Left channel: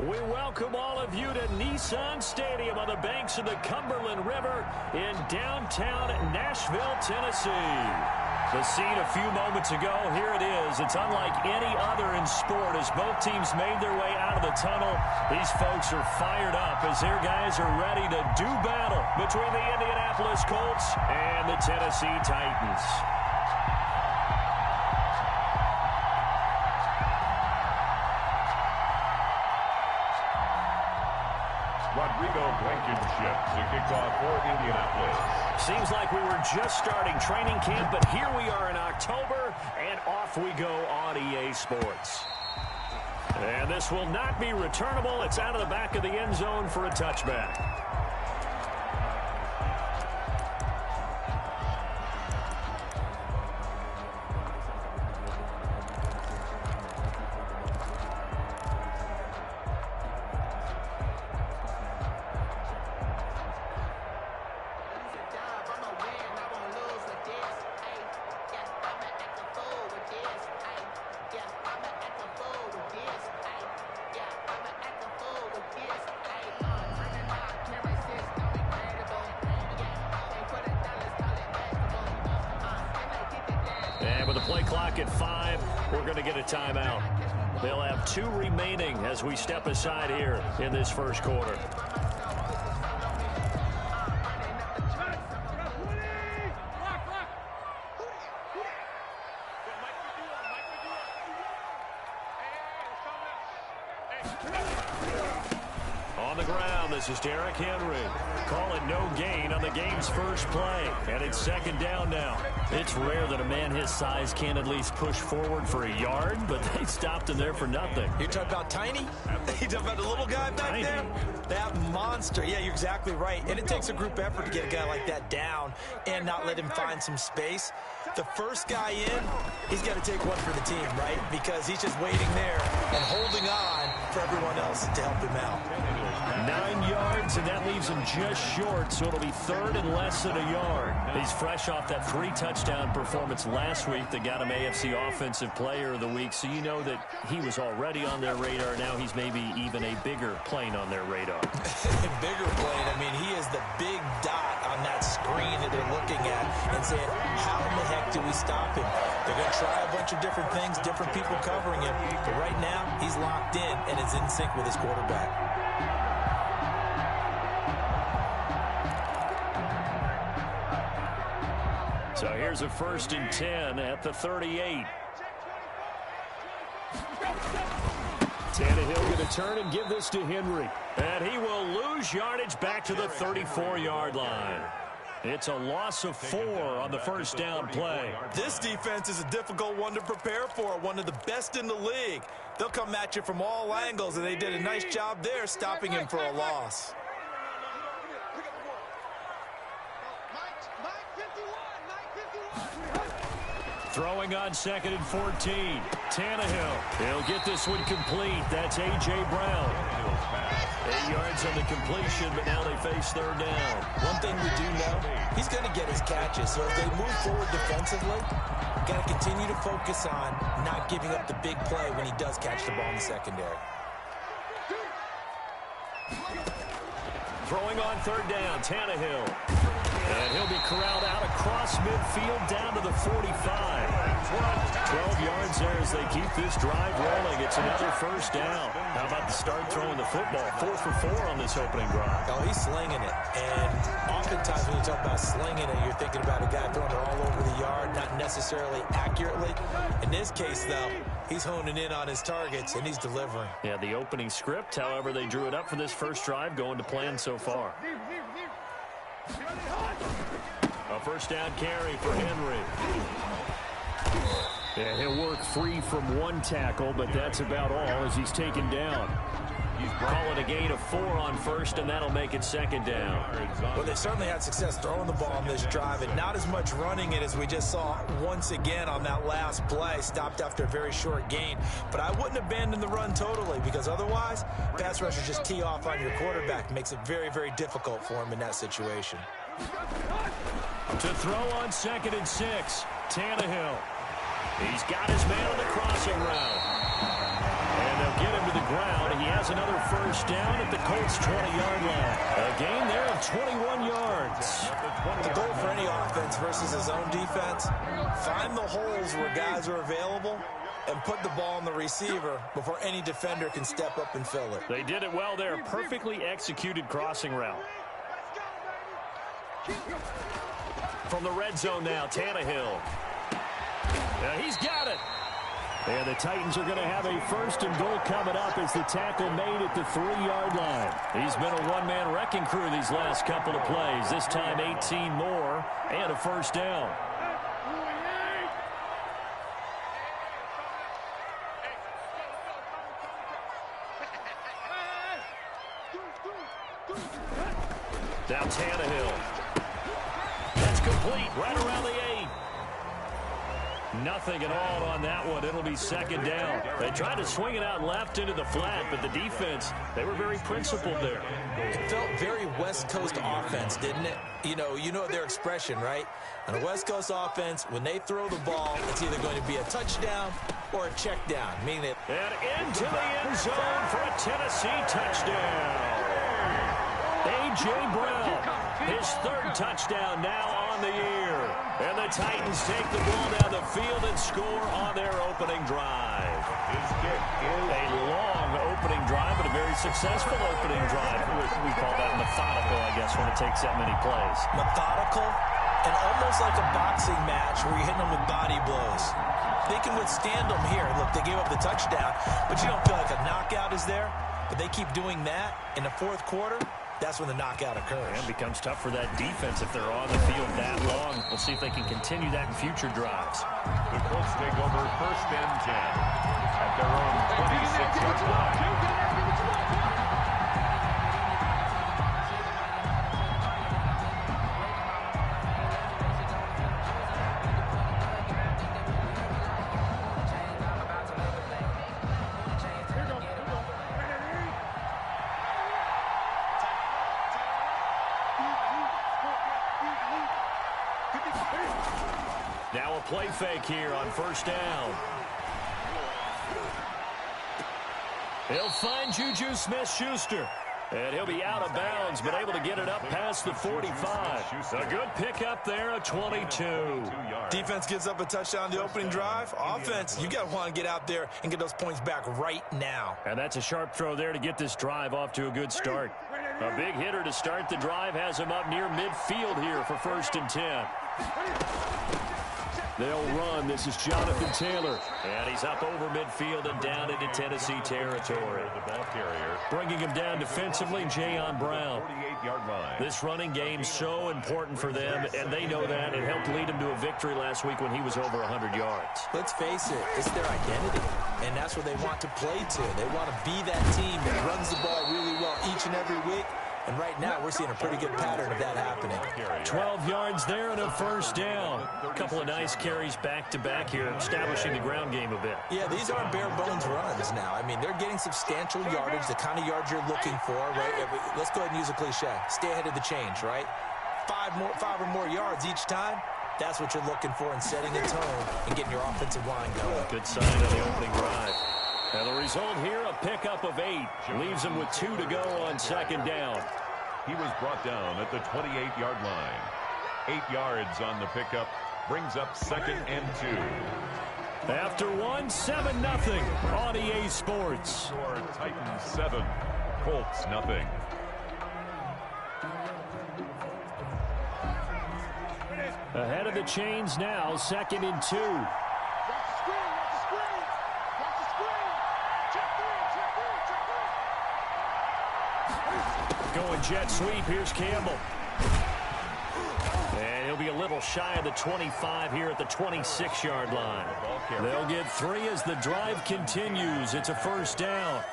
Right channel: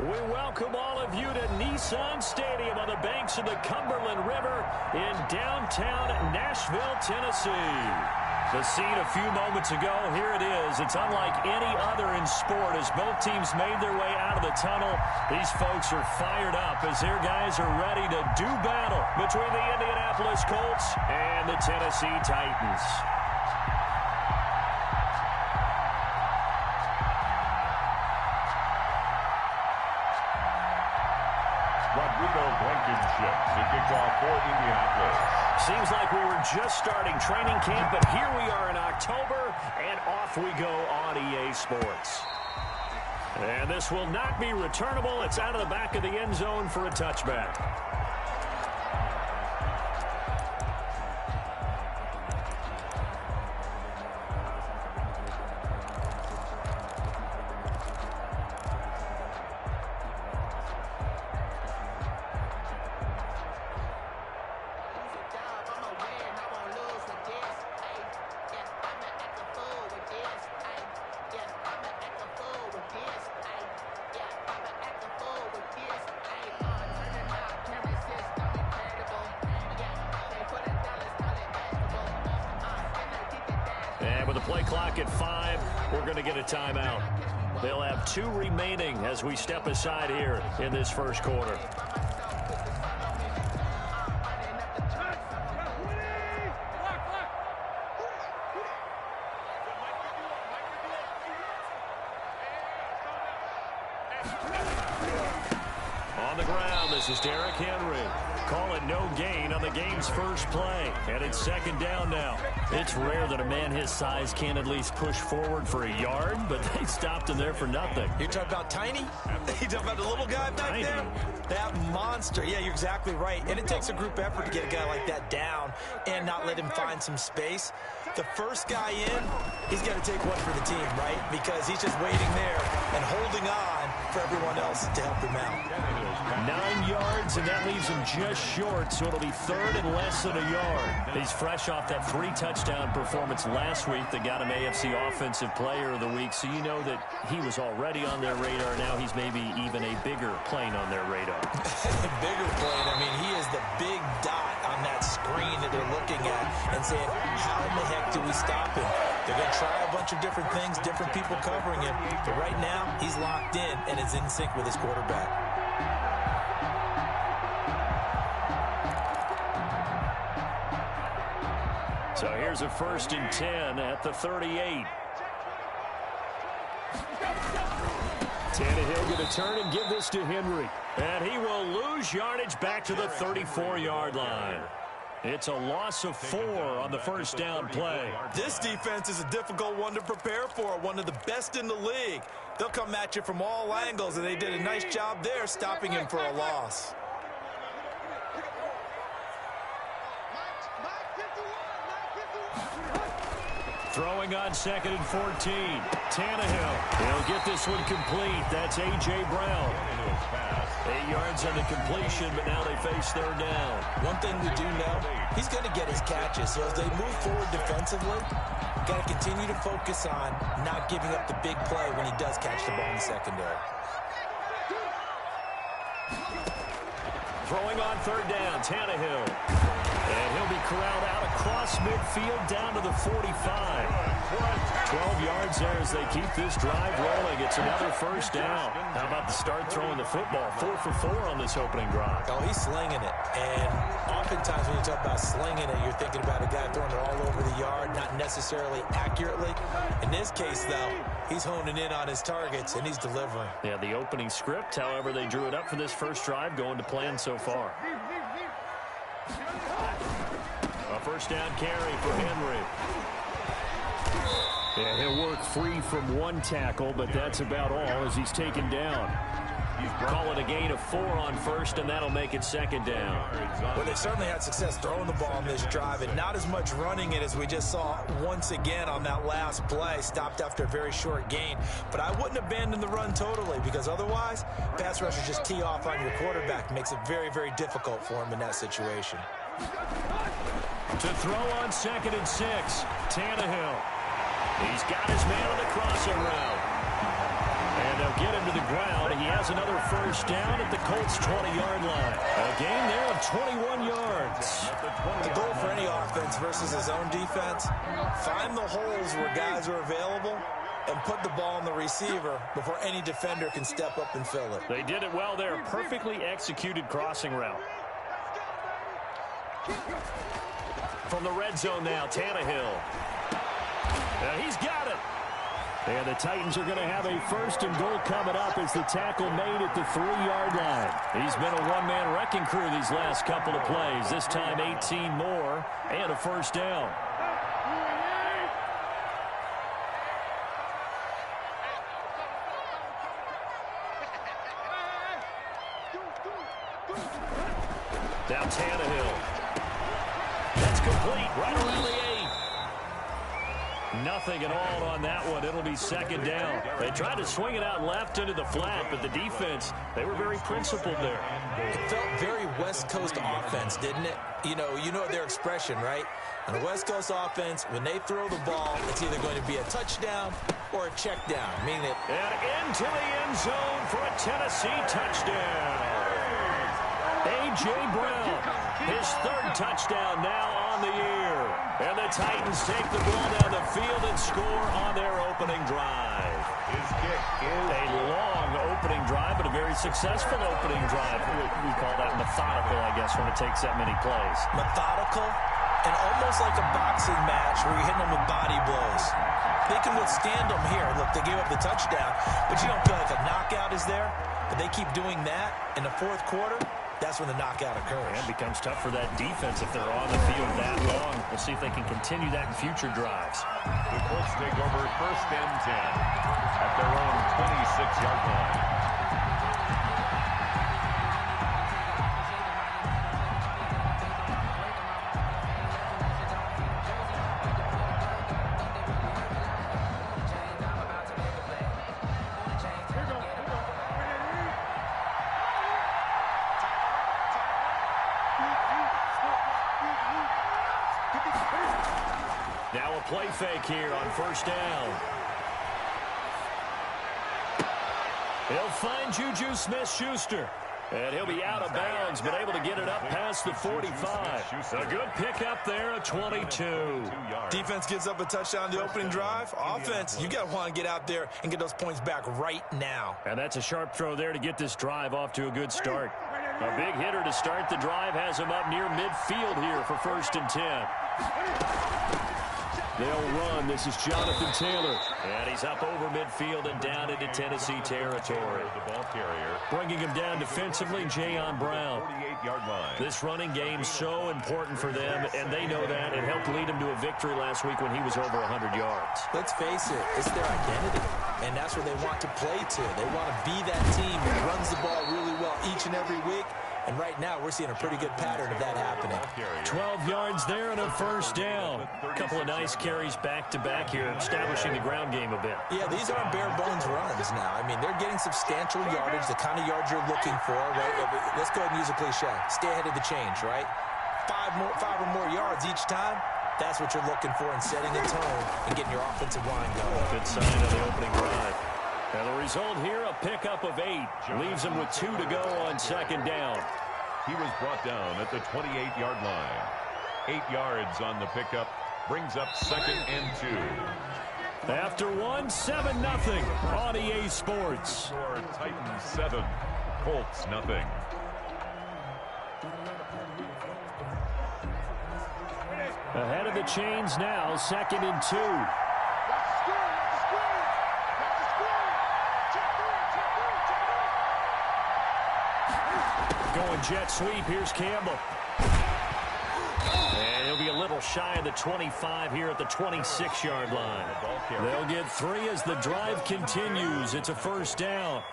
We welcome all of you to Nissan Stadium on the banks of the Cumberland River in downtown Nashville, Tennessee. The scene a few moments ago, here it is. It's unlike any other in sport as both teams made their way out of the tunnel. These folks are fired up as their guys are ready to do battle between the Indianapolis Colts and the Tennessee Titans. Rodrigo Blankenship to kick off for Indianapolis. Seems like we were just starting training camp, but here we are in October, and off we go on EA Sports. And this will not be returnable. It's out of the back of the end zone for a touchback. And with the play clock at 5, we're going to get a timeout. They'll have 2 remaining as we step aside here in this first quarter. On the ground, this is Derrick Henry. Call it no gain on the game's first play. And it's second down now. It's rare that a man his size can at least push forward for a yard, but they stopped him there for nothing. You're talking about tiny? You talking about the little guy back there? That monster. Yeah, you're exactly right. And it takes a group effort to get a guy like that down and not let him find some space. The first guy in, he's got to take one for the team, right? Because he's just waiting there and holding on for everyone else to help him out. 9 yards, and that leaves him just short, so it'll be third and less than a yard. He's fresh off that 3-touchdown performance last week that got him AFC Offensive Player of the Week, so you know that he was already on their radar. Now he's maybe even a bigger plane on their radar. Bigger plane. I mean, he is the big dot on that screen that they're looking at and saying, how in the heck do we stop him? They're going to try a bunch of different things, different people covering him, but right now he's locked in and is in sync with his quarterback. So here's a 1st and 10 at the 38. Tannehill going to turn and give this to Henry. And he will lose yardage back to the 34-yard line. It's a loss of 4 on the first down play. This defense is a difficult one to prepare for, one of the best in the league. They'll come at you from all angles, and they did a nice job there stopping him for a loss. Throwing on 2nd and 14. Tannehill. He'll get this one complete. That's A.J. Brown. 8 yards on the completion, but now they face third down. One thing we do know, he's going to get his catches. So as they move forward defensively, got to continue to focus on not giving up the big play when he does catch the ball in the secondary. Throwing on third down, Tannehill. And he'll be corralled out across midfield down to the 45. 12 yards there as they keep this drive rolling. It's another first down. How about the start throwing the football? 4 for 4 on this opening drive. Oh, he's slinging it. And oftentimes when you talk about slinging it, you're thinking about a guy throwing it all over the yard, not necessarily accurately. In this case, though, he's honing in on his targets, and he's delivering. Yeah, the opening script, however, they drew it up for this first drive, going to plan so far. A first down carry for Henry. And he'll work free from 1 tackle, but that's about all as he's taken down. Call it a gain of 4 on first, and that'll make it second down. Well, they've certainly had success throwing the ball on this drive, and not as much running it as we just saw once again on that last play, stopped after a very short gain. But I wouldn't abandon the run totally, because otherwise, pass rushers just tee off on your quarterback. Makes it very, very difficult for him in that situation. To throw on 2nd and 6, Tannehill. He's got his man on the crossing route. And they'll They'll get him to the ground. He has another first down at the Colts' 20-yard line. A gain there of 21 yards. The goal for any offense versus his own defense, find the holes where guys are available and put the ball on the receiver before any defender can step up and fill it. They did it well there. Perfectly executed crossing route. From the red zone now, Tannehill. Now he's got it. And the Titans are going to have a first and goal coming up as the tackle made at the 3-yard line. He's been a one-man wrecking crew these last couple of plays. This time 18 more and a first down. Now Tannehill. That's complete right around the 8. Nothing at all on that one. It'll be second down. They tried to swing it out left into the flat, but the defense, they were very principled there. It felt very West Coast offense, didn't it? You know their expression, right? On a West Coast offense, when they throw the ball, it's either going to be a touchdown or a check down, meaning it. And into the end zone for a Tennessee touchdown. A.J. Brown, his third touchdown now on the year. And the Titans take the ball down the field and score on their opening drive. His kick is a long opening drive, but a very successful opening drive. We call that methodical, I guess, when it takes that many plays. Methodical and almost like a boxing match where you're hitting them with body blows. They can withstand them here. Look, they gave up the touchdown, but you don't feel like a knockout is there. But they keep doing that in the fourth quarter. That's when the knockout occurs. And it becomes tough for that defense if they're on the field that long. We'll see if they can continue that in future drives. The Colts take over first and 10 at their own 26-yard line. Now a play fake here on first down. He'll find Juju Smith-Schuster. And he'll be out of bounds, but able to get it up past the 45. A good pickup there, a 22. Defense gives up a touchdown on the opening drive. Offense, you got to want to get out there and get those points back right now. And that's a sharp throw there to get this drive off to a good start. A big hitter to start the drive has him up near midfield here for first and 10. They'll run. This is Jonathan Taylor. And he's up over midfield and down into Tennessee territory. The ball carrier. Bringing him down defensively, Jayon Brown. 48-yard line. This running game so important for them, and they know that. It helped lead him to a victory last week when he was over 100 yards. Let's face it, it's their identity, and that's what they want to play to. They want to be that team that runs the ball really well each and every week. And right now, we're seeing a pretty good pattern of that happening. 12 yards there and a first down. A couple of nice carries back-to-back here, establishing the ground game a bit. Yeah, these aren't bare-bones runs now. I mean, they're getting substantial yardage, the kind of yards you're looking for, right? Let's go ahead and use a cliche. Stay ahead of the change, right? Five or more yards each time. That's what you're looking for in setting a tone and getting your offensive line going. Good sign on the opening drive. And the result here, a pickup of 8. Leaves them with 2 to go on second down. He was brought down at the 28-yard line. 8 yards on the pickup. Brings up second and 2. After 1, 7-0 on EA Sports. Score Titans 7, Colts 0. Ahead of the chains now, second and 2. Going jet sweep. Here's Campbell. And he'll be a little shy of the 25 here at the 26-yard line. They'll get 3 as the drive continues. It's a first down.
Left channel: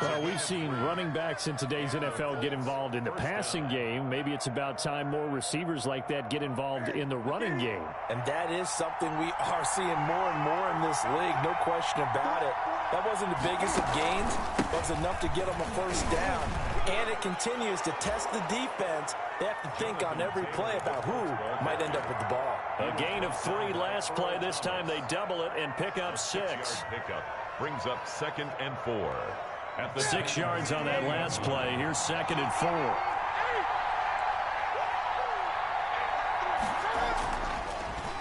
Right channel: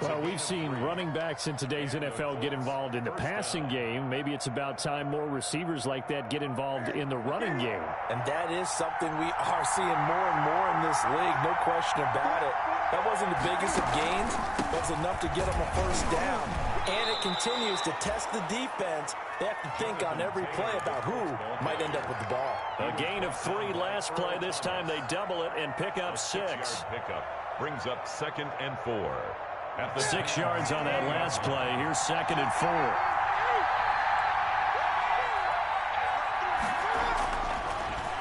Well, we've seen running backs in today's NFL get involved in the passing game. Maybe it's about time more receivers like that get involved in the running game. And that is something we are seeing more and more in this league, no question about it. That wasn't the biggest of gains, but it was enough to get them a first down. And it continues to test the defense. They have to think on every play about who might end up with the ball. A gain of 3 last play. This time they double it and pick up 6. brings up 2nd and 4. At the 6 yards on that last play. Here's 2nd and 4.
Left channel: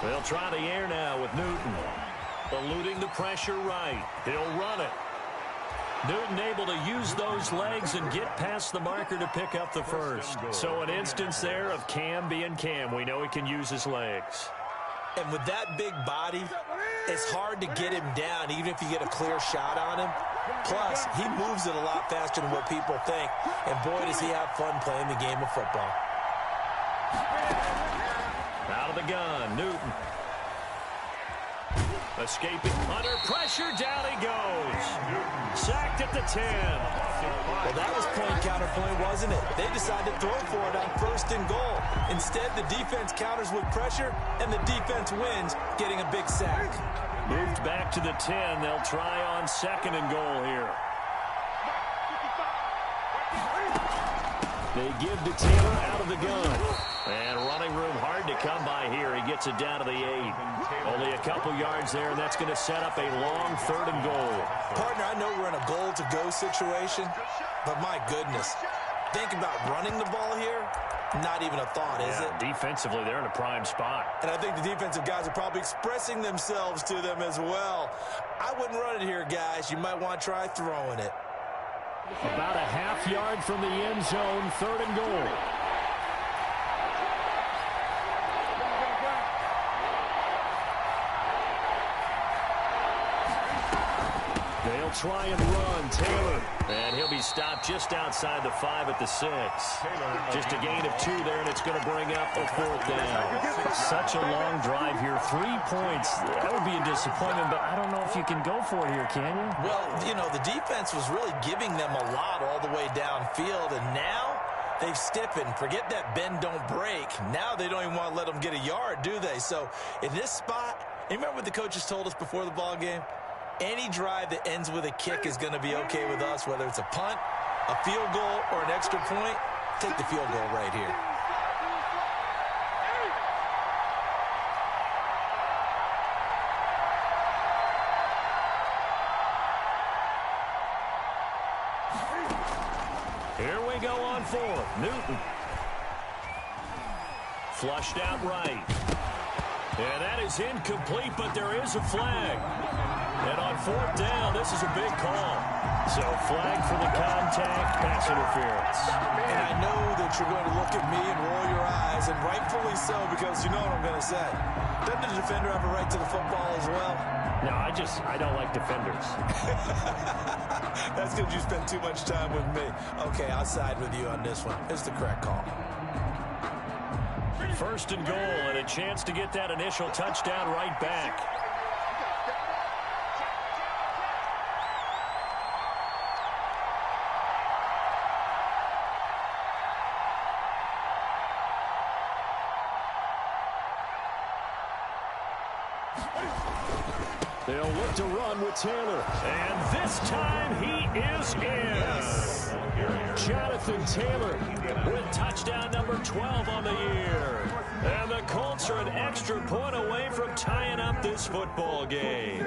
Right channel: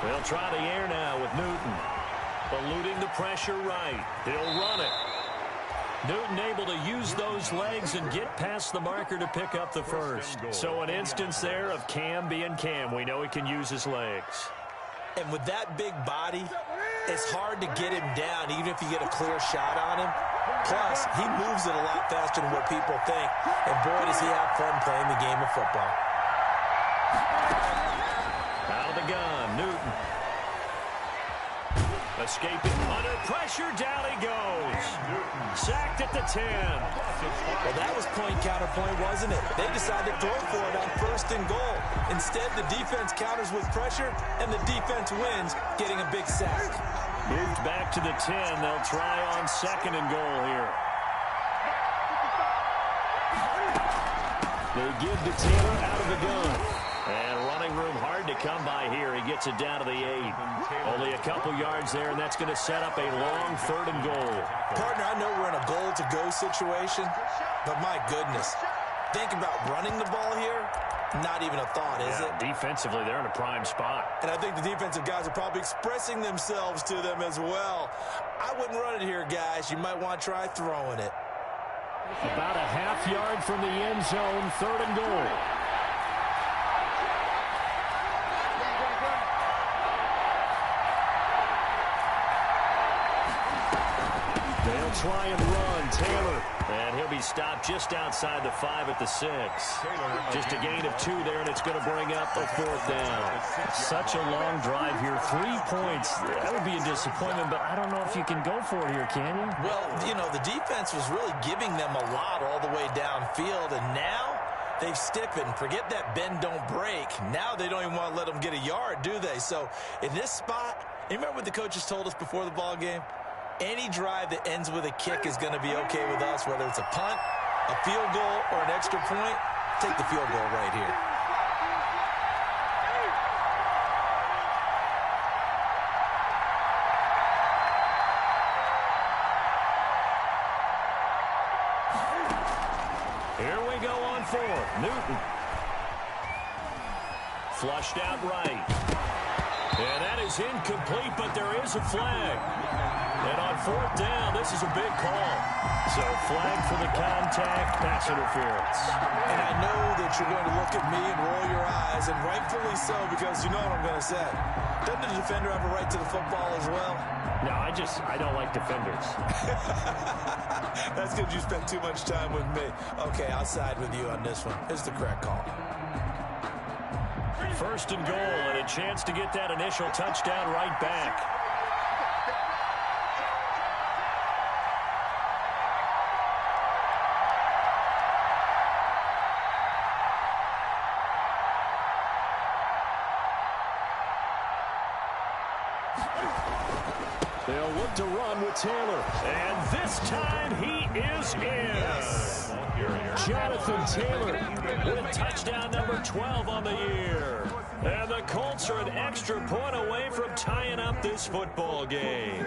They'll try the air now with Newton. Eluding the pressure right. He'll run it. Newton able to use those legs and get past the marker to pick up the first. So an instance there of Cam being Cam. We know he can use his legs. And with that big body, it's hard to get him down, even if you get a clear shot on him. Plus, he moves it a lot faster than what people think. And boy, does he have fun playing the game of football. Out of the gun, Newton. Escaping under pressure, down he goes. Sacked at the 10. Well, that was point counterpoint, wasn't it? They decided to throw for it on 1st and goal. Instead, the defense counters with pressure, and the defense wins, getting a big sack. Moved back to the 10. They'll try on 2nd and goal here. They give to Taylor out of the gun. And running room hard to come by here. He gets it down to the 8. Only a couple yards there, and that's going to set up a long 3rd and goal. Partner, I know we're in a goal-to-go situation, but my goodness, think about running the ball here. Not even a thought, is it? Defensively, they're in a prime spot. And I think the defensive guys are probably expressing themselves to them as well. I wouldn't run it here, guys. You might want to try throwing it. About a half yard from the end zone, 3rd and goal. They'll try and run. Taylor. And he'll be stopped just outside the 5 at the 6. Just a gain of 2 there, and it's going to bring up a 4th down. Such a long drive here. 3 points. That would be a disappointment, but I don't know if you can go for it here, can you? Well, you know, the defense was really giving them a lot all the way downfield, and now they've stiffened. Forget that bend, don't break. Now they don't even want to let them get a yard, do they? So in this spot, you remember what the coaches told us before the ball game? Any drive that ends with a kick is going to be okay with us, whether it's a punt, a field goal, or an extra point. Take the field goal right here. Here we go on 4th. Newton. Flushed out right. And that is incomplete, but there is a flag. And on 4th down, this is a big call. So flag for the contact, pass interference. And I know that you're going to look at me and roll your eyes, and rightfully so, because you know what I'm going to say. Doesn't the defender have a right to the football as well? No, I don't like defenders. That's because you spent too much time with me. Okay, I'll side with you on this one. It's the correct call. 1st and goal, and a chance to get that initial touchdown right back. They'll look to run with Taylor. And this time he is in. Yes. Jonathan Taylor with touchdown number 12 on the year. And the Colts are an extra point away from tying up this football game.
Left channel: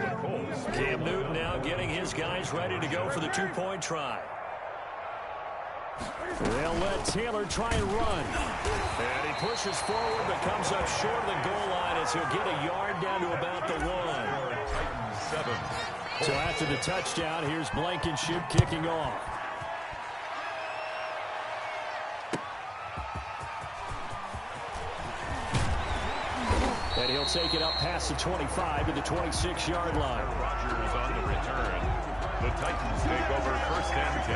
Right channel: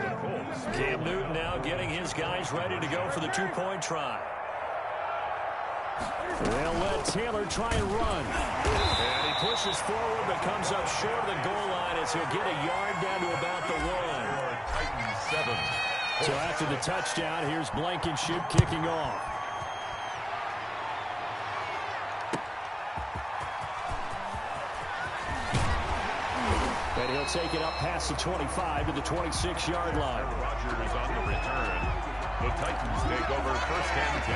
Cam Newton now getting his guys ready to go for the 2-point try. They'll let Taylor try and run. And he pushes forward but comes up short of the goal line as he'll get a yard down to about the 1. Titans 7. So after the touchdown, here's Blankenship kicking off. And he'll take it up past the 25 to the 26-yard line. Rodgers on the return. The Titans take over 1st and 10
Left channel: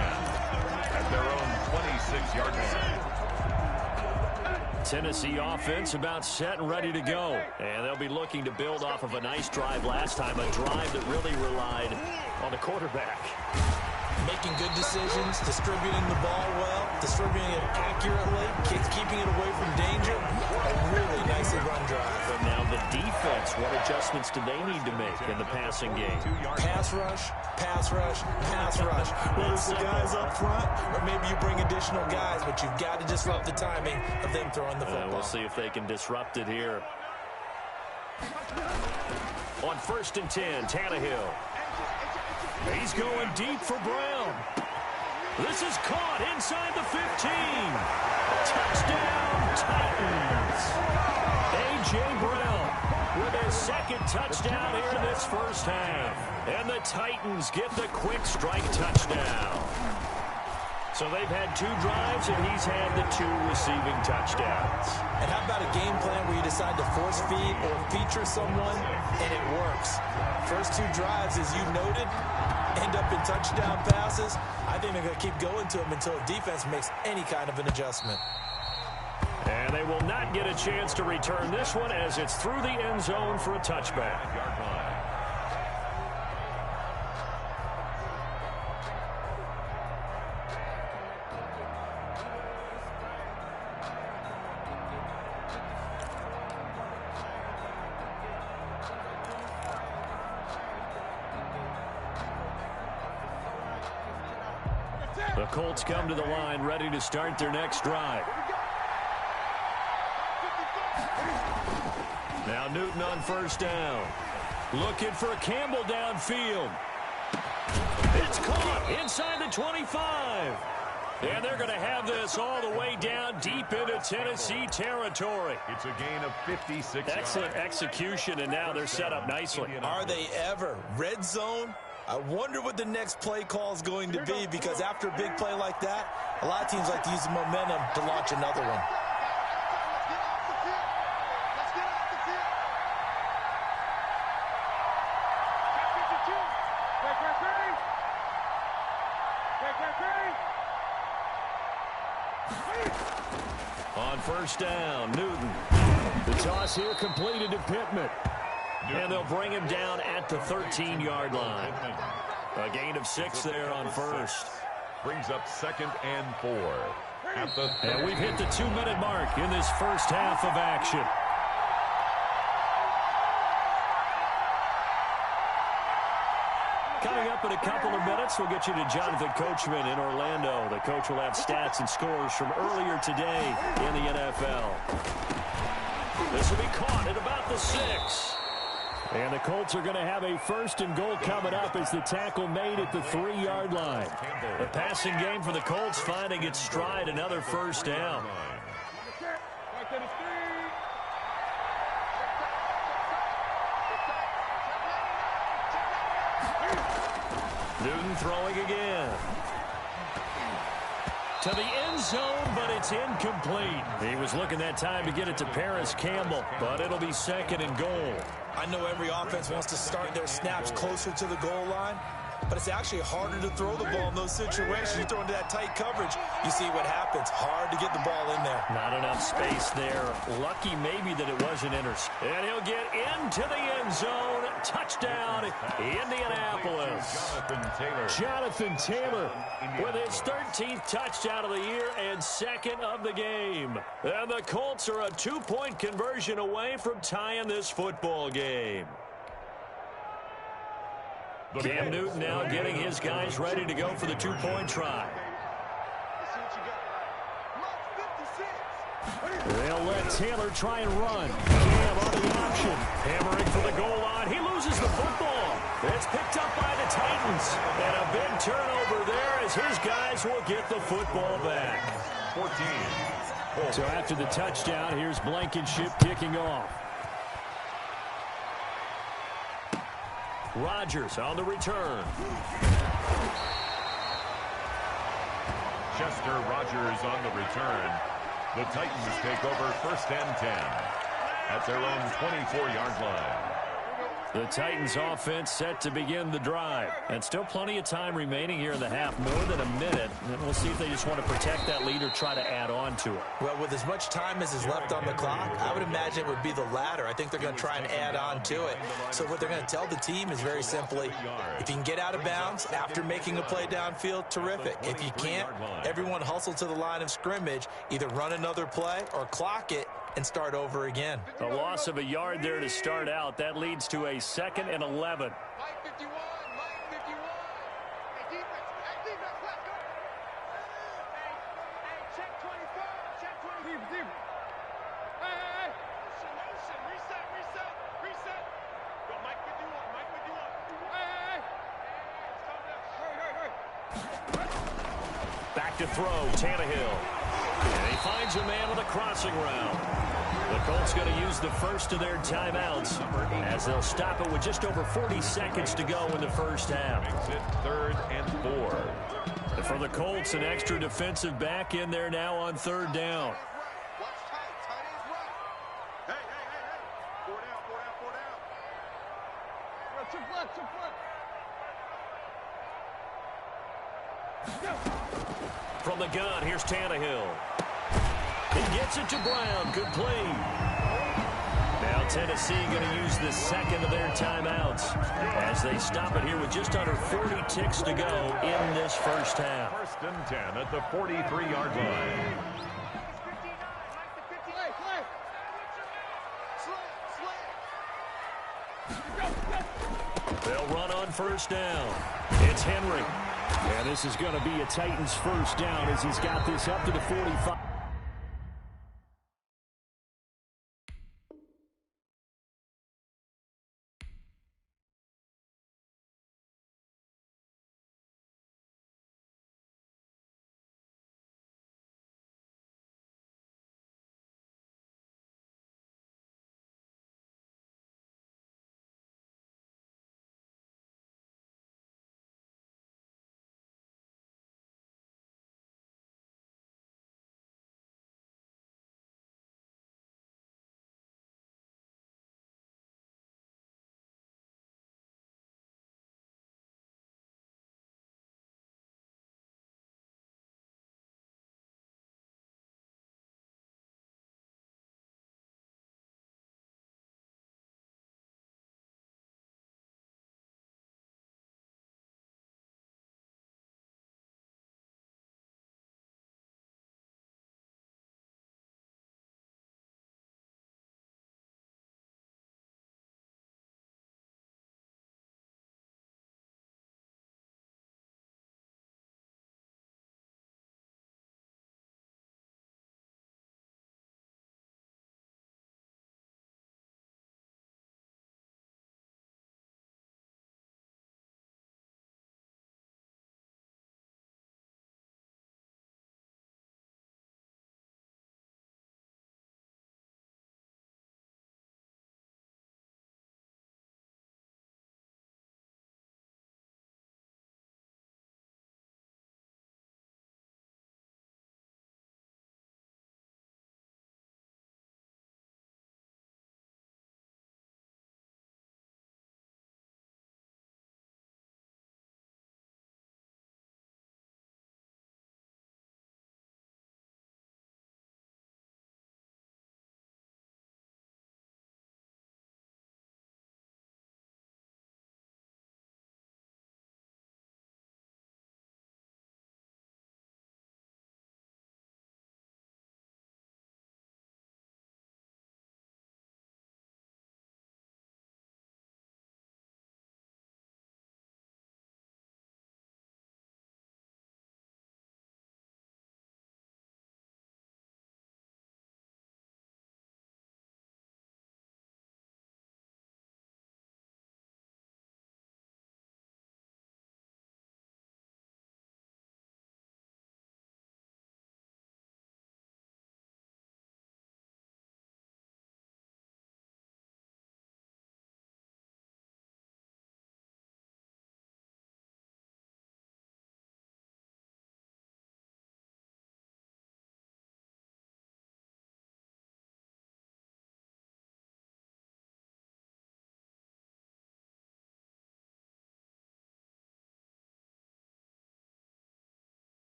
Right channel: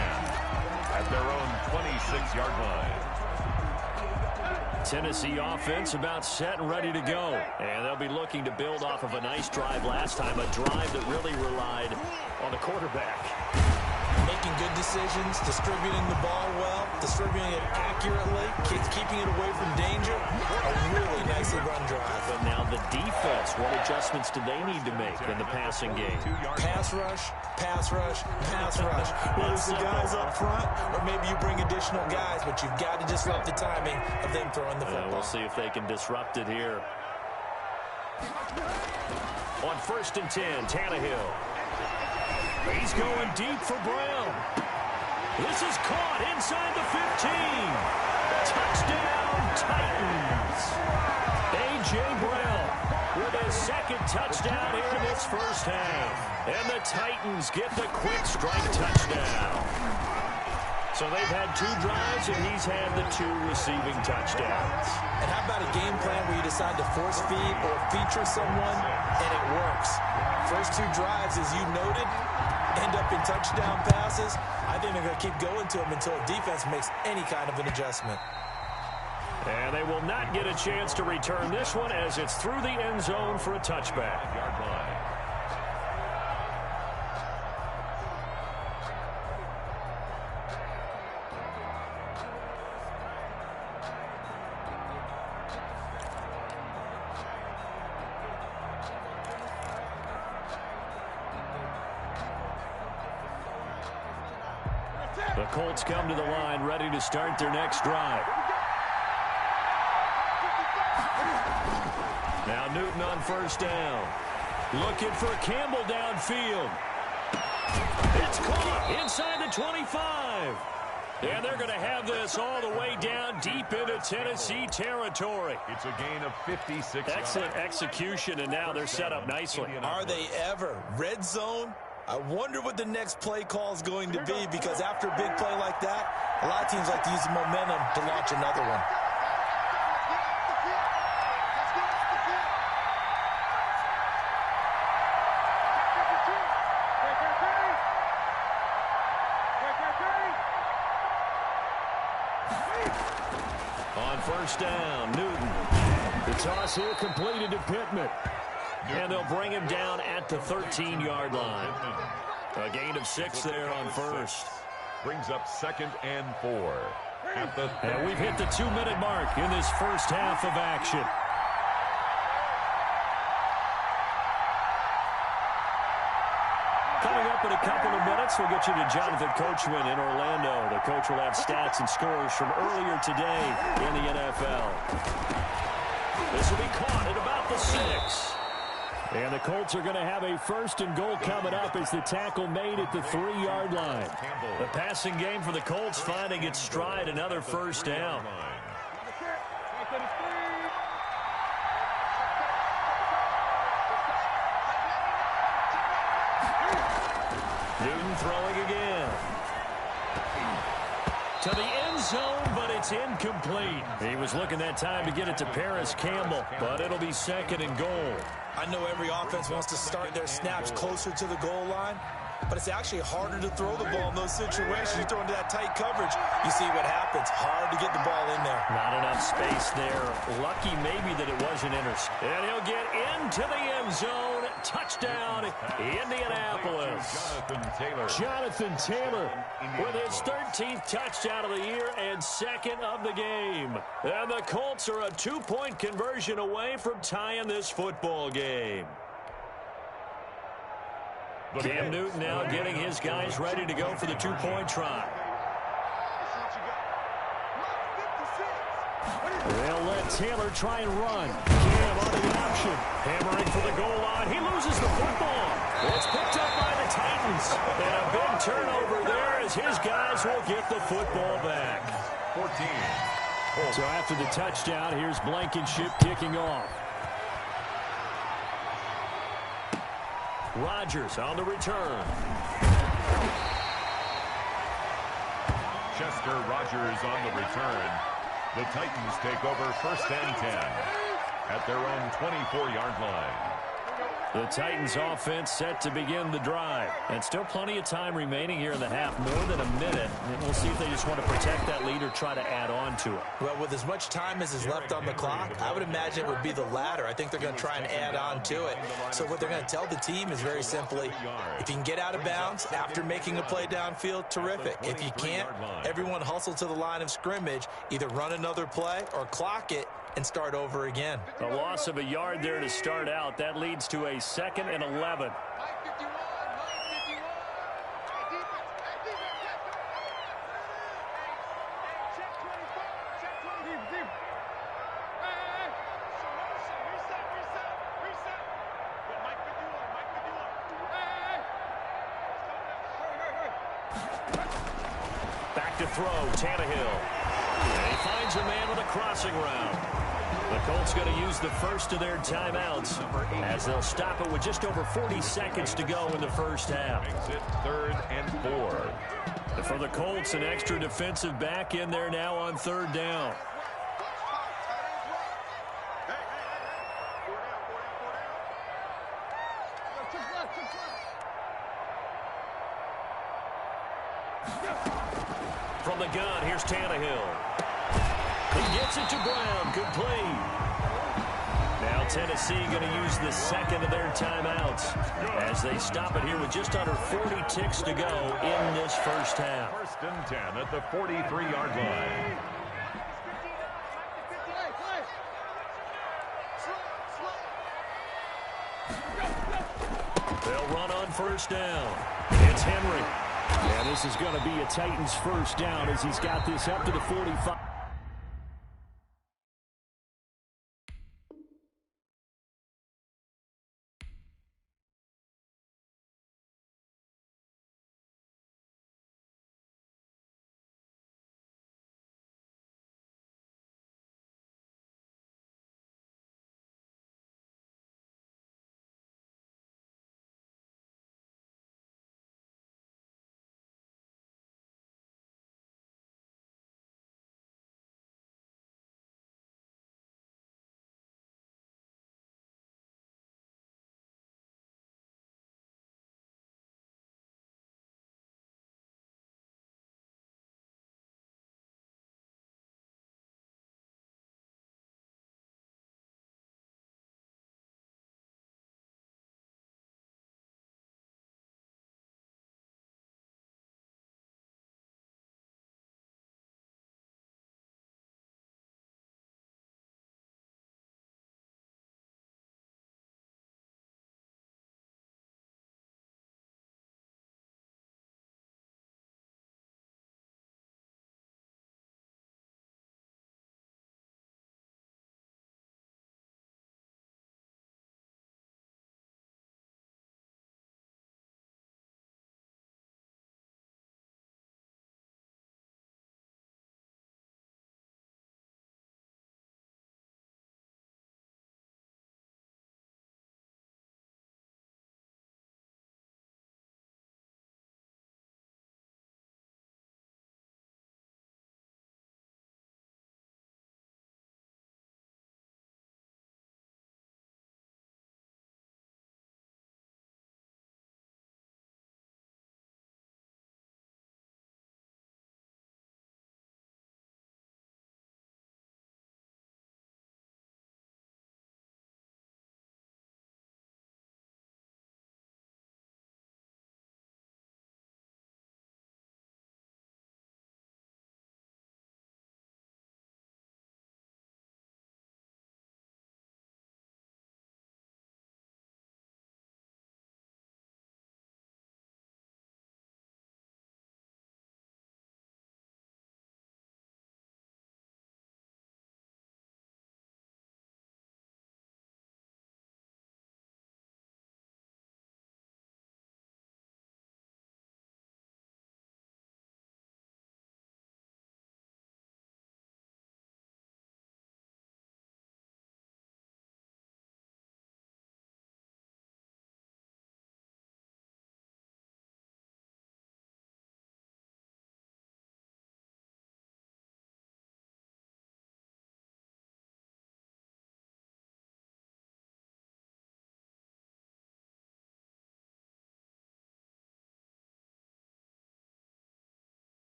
at their own 26-yard line. Tennessee offense about set and ready to go. And they'll be looking to build off of a nice drive last time, a drive that really relied on the quarterback. Making good decisions, distributing the ball well, distributing it accurately, keeping it away from danger. A really nicely run drive. But now the defense, what adjustments do they need to make in the passing game? Pass rush, pass rush, pass rush. Whether it's the guys up front or maybe you bring additional guys, but you've got to disrupt the timing of them throwing the football. We'll see if they can disrupt it here. On 1st and 10, Tannehill. He's going deep for Brown. This is caught inside the 15. Touchdown, Titans. A.J. Brown with his second touchdown here in this first half. And the Titans get the quick strike touchdown. So they've had 2 drives, and he's had the 2 receiving touchdowns. And how about a game plan where you decide to force feed or feature someone, and it works? First 2 drives, as you noted, end up in touchdown passes. I think they're going to keep going to them until the defense makes any kind of an adjustment. And they will not get a chance to return this one as it's through the end zone for a touchback. Yard line. The Colts come to the line ready to start their next drive. Now Newton on first down. Looking for Campbell downfield. It's caught inside the 25. And they're going to have this all the way down deep into Tennessee territory. It's a gain of 56 Excellent execution, and now they're set up nicely. Are they ever? Red zone? I wonder what the next play call is going to be, because after a big play like that, a lot of teams like to use the momentum to launch another one. On first down, Newton. The toss here completed to Pittman. And they'll bring him down at the 13-yard line. A gain of 6 there on first. Brings up 2nd and 4. And we've hit the 2-minute mark in this first half of action. Coming up in a couple of minutes, we'll get you to Jonathan Coachman in Orlando. The coach will have stats and scores from earlier today in the NFL. This will be caught at about the 6. And the Colts are going to have a 1st and goal coming up as the tackle made at the 3-yard line. The passing game for the Colts finding its stride, another first down. Newton throwing again. To the end zone, but it's incomplete. He was looking that time to get it to Paris Campbell, but it'll be 2nd and goal. I know every offense wants to start their snaps closer to the goal line, but it's actually harder to throw the ball in those situations. You throw into that tight coverage, you see what happens. Hard to get the ball in there. Not enough space there. Lucky maybe that it wasn't intercepted. And he'll get into the end zone. Touchdown, Indianapolis. Jonathan Taylor with his 13th touchdown of the year and 2nd of the game. And the Colts are a 2-point conversion away from tying this football game. Cam Newton now getting his guys ready to go for the 2-point try. They'll let Taylor try and run. Cam on the option. Hammering for the goal line. He loses the football. It's picked up by the Titans. And a big turnover there as his guys will get the football back. 14. So after the touchdown, here's Blankenship kicking off. Rodgers on the return. Chester Rogers on the return. The Titans take over 1st and 10 at their own 24-yard line. The Titans offense set to begin the drive. And still plenty of time remaining here in the half, more than a minute. And we'll see if they just want to protect that lead or try to add on to it. Well, with as much time as is left on the clock, I would imagine it would be the latter. I think they're going to try and add on to it. So what they're going to tell the team is very simply, if you can get out of bounds after making a play downfield, terrific. If you can't, everyone hustle to the line of scrimmage, either run another play or clock it and start over again. A loss of a yard there to start out. That leads to a 2nd and 11. to throw. Tannehill. And he finds a man with a crossing route. The Colts going to use the first of their timeouts as they'll stop it with just over 40 seconds to go in the first half. Makes it 3rd and 4. And for the Colts, an extra defensive back in there now on 3rd down. From the gun, here's Tannehill. He gets it to Brown. Complete. Now Tennessee going to use the second of their timeouts as they stop it here with just under 40 ticks to go in this first half. 1st and 10 at the 43-yard line. They'll run on 1st down. It's Henry. And this is going to be a Titans 1st down as he's got this up to the 45.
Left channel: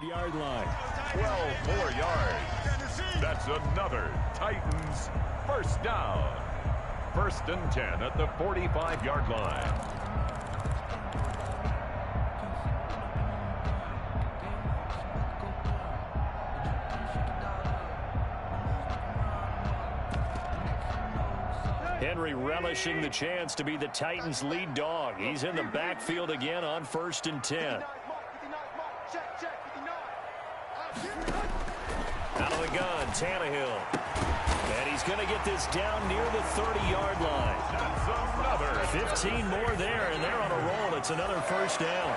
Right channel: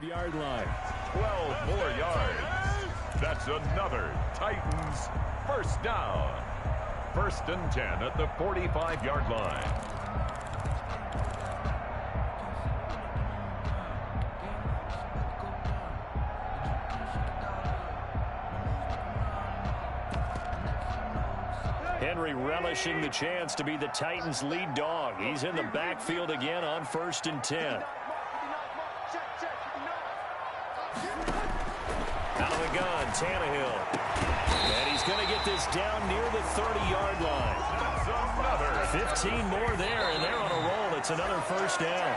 45-yard line. 12 more yards. That's another Titans first down. 1st and 10 at the 45-yard line. Henry relishing the chance to be the Titans' lead dog. He's in the backfield again on 1st and 10. Out of the gun, Tannehill. And he's going to get this down near the 30-yard line. That's another. 15 more there, and they're on a roll. It's another first down.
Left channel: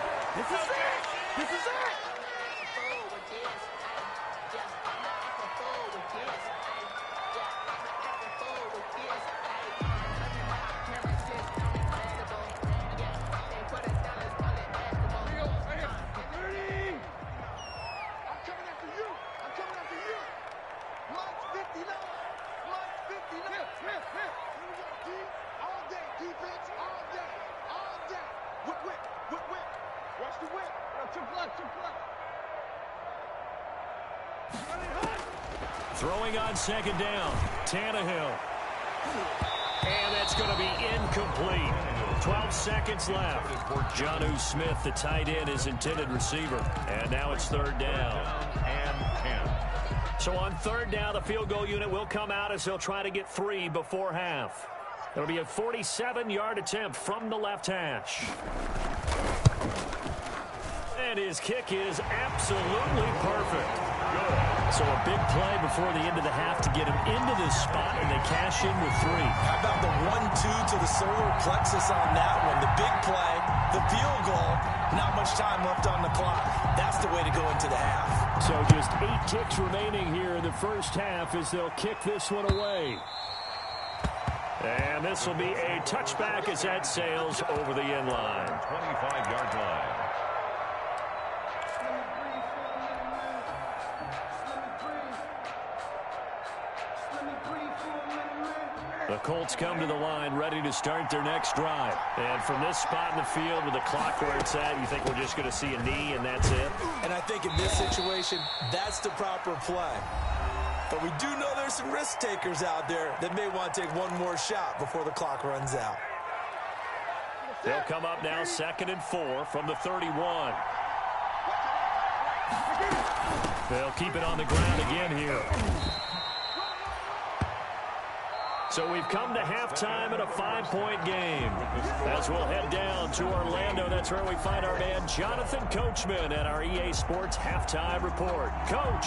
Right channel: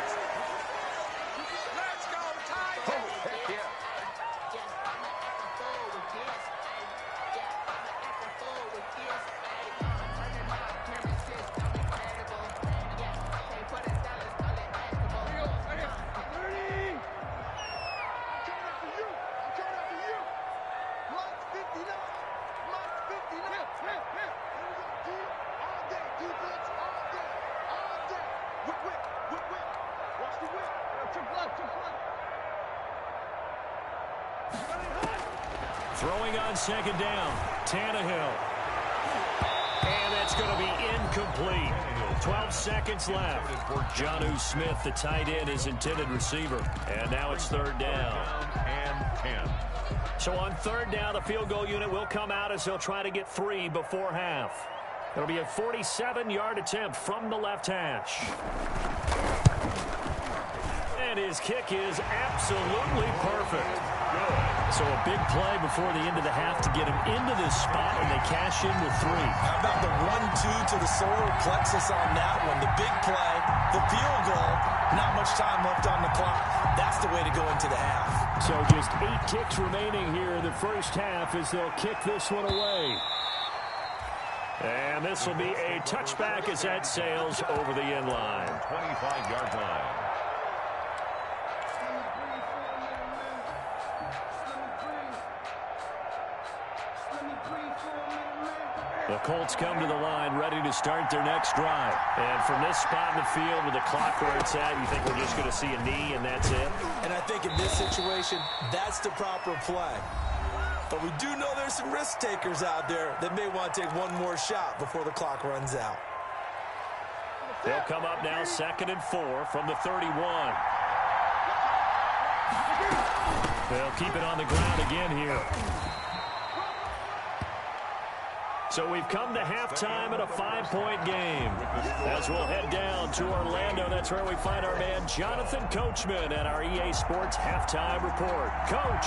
Throwing on 2nd down, Tannehill. And that's going to be incomplete. 12 seconds left. Jonnu Smith, the tight end, his intended receiver. And now it's 3rd down. And 10. So on 3rd down, the field goal unit will come out as they'll try to get 3 before half. It'll be a 47-yard attempt from the left hash. And his kick is absolutely perfect. Good. So a big play before the end of the half to get him into this spot, and they cash in with 3. How about the 1-2 to the solar plexus on that one? The big play, the field goal, not much time left on the clock. That's the way to go into the half. So just 8 ticks remaining here in the first half as they'll kick this one away. And this will be a touchback as that sails over the end line. 25-yard line. The Colts come to the line ready to start their next drive. And from this spot in the field with the clock where it's at, you think we're just going to see a knee and that's it? And I think in this situation, that's the proper play. But we do know there's some risk takers out there that may want to take one more shot before the clock runs out. They'll come up now 2nd and 4 from the 31. They'll keep it on the ground again here. So we've come to halftime in a 5-point game. As we'll head down to Orlando, that's where we find our man Jonathan Coachman at our EA Sports Halftime Report. Coach.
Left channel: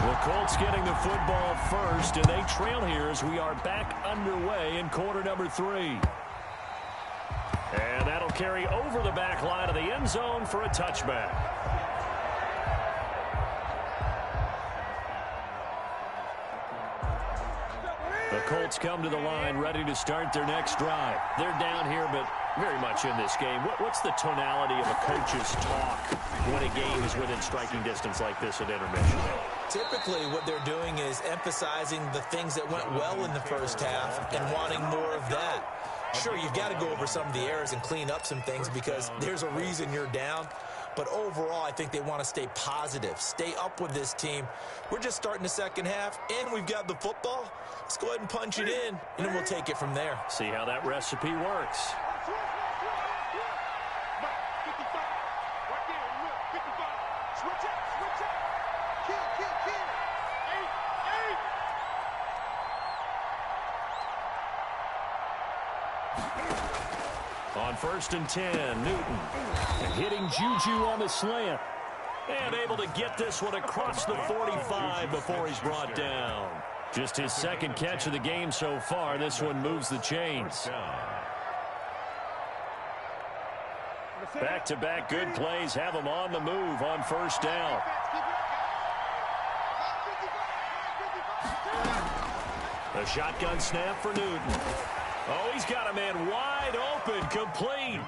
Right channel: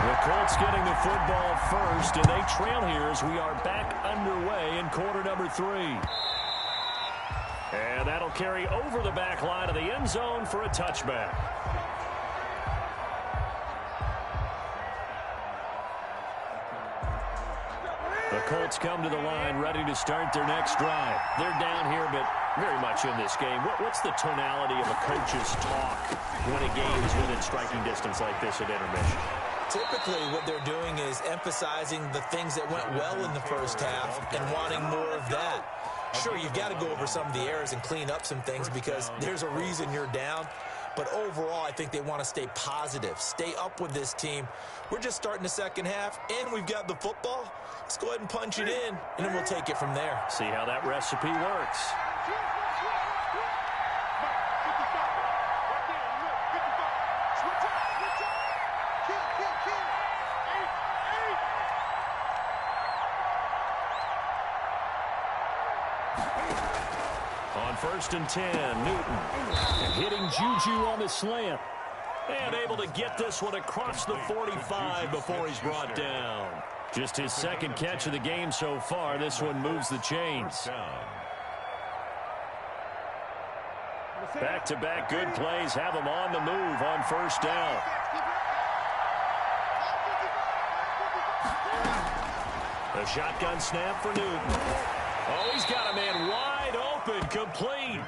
The Colts getting the football first, and they trail here as we are back underway in quarter number 3. And that'll carry over the back line of the end zone for a touchback. The Colts come to the line ready to start their next drive. They're down here, but very much in this game. What's the tonality of a coach's talk when a game is within striking distance like this at intermission? Typically, what they're doing is emphasizing the things that went well in the first half and wanting more of that. Sure, you've got to go over some of the errors and clean up some things because there's a reason you're down. But overall, I think they want to stay positive, stay up with this team. We're just starting the second half, and we've got the football. Let's go ahead and punch it in, and then we'll take it from there. See how that recipe works. On 1st and 10, Newton. And hitting Juju on the slant. And able to get this one across the 45 before he's brought down. Just his 2nd catch of the game so far. This one moves the chains. Back-to-back good plays have him on the move on 1st down. The shotgun snap for Newton. Oh, he's got a man wide open, complete.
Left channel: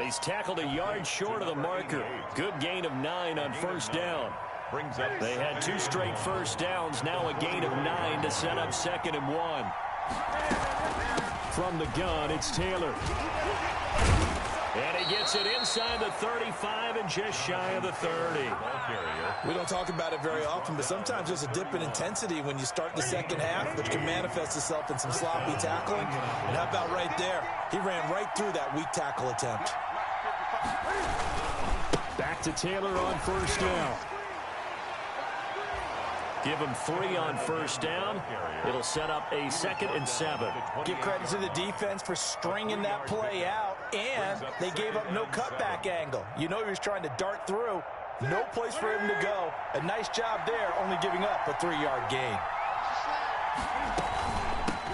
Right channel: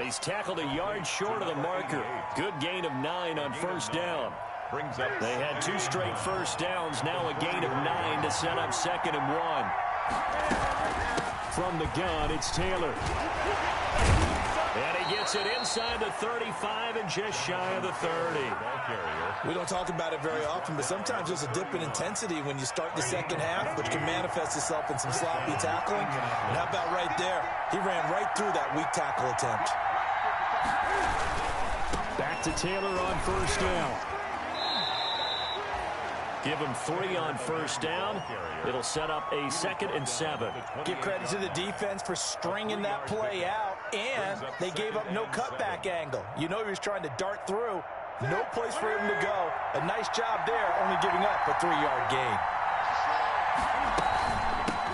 He's tackled a yard short of the marker. Good gain of 9 on 1st down. They had 2 straight 1st downs, now a gain of 9 to set up 2nd and 1. From the gun, it's Taylor. And he gets it inside the 35 and just shy of the 30. We don't talk about it very often, but sometimes there's a dip in intensity when you start the second half, which can manifest itself in some sloppy tackling. And how about right there? He ran right through that weak tackle attempt. Back to Taylor on first down. Give him 3 on first down. It'll set up a 2nd and 7. Give credit to the defense for stringing that play out, and they gave up no cutback angle. You know he was trying to dart through. No place for him to go. A nice job there, only giving up a 3-yard gain.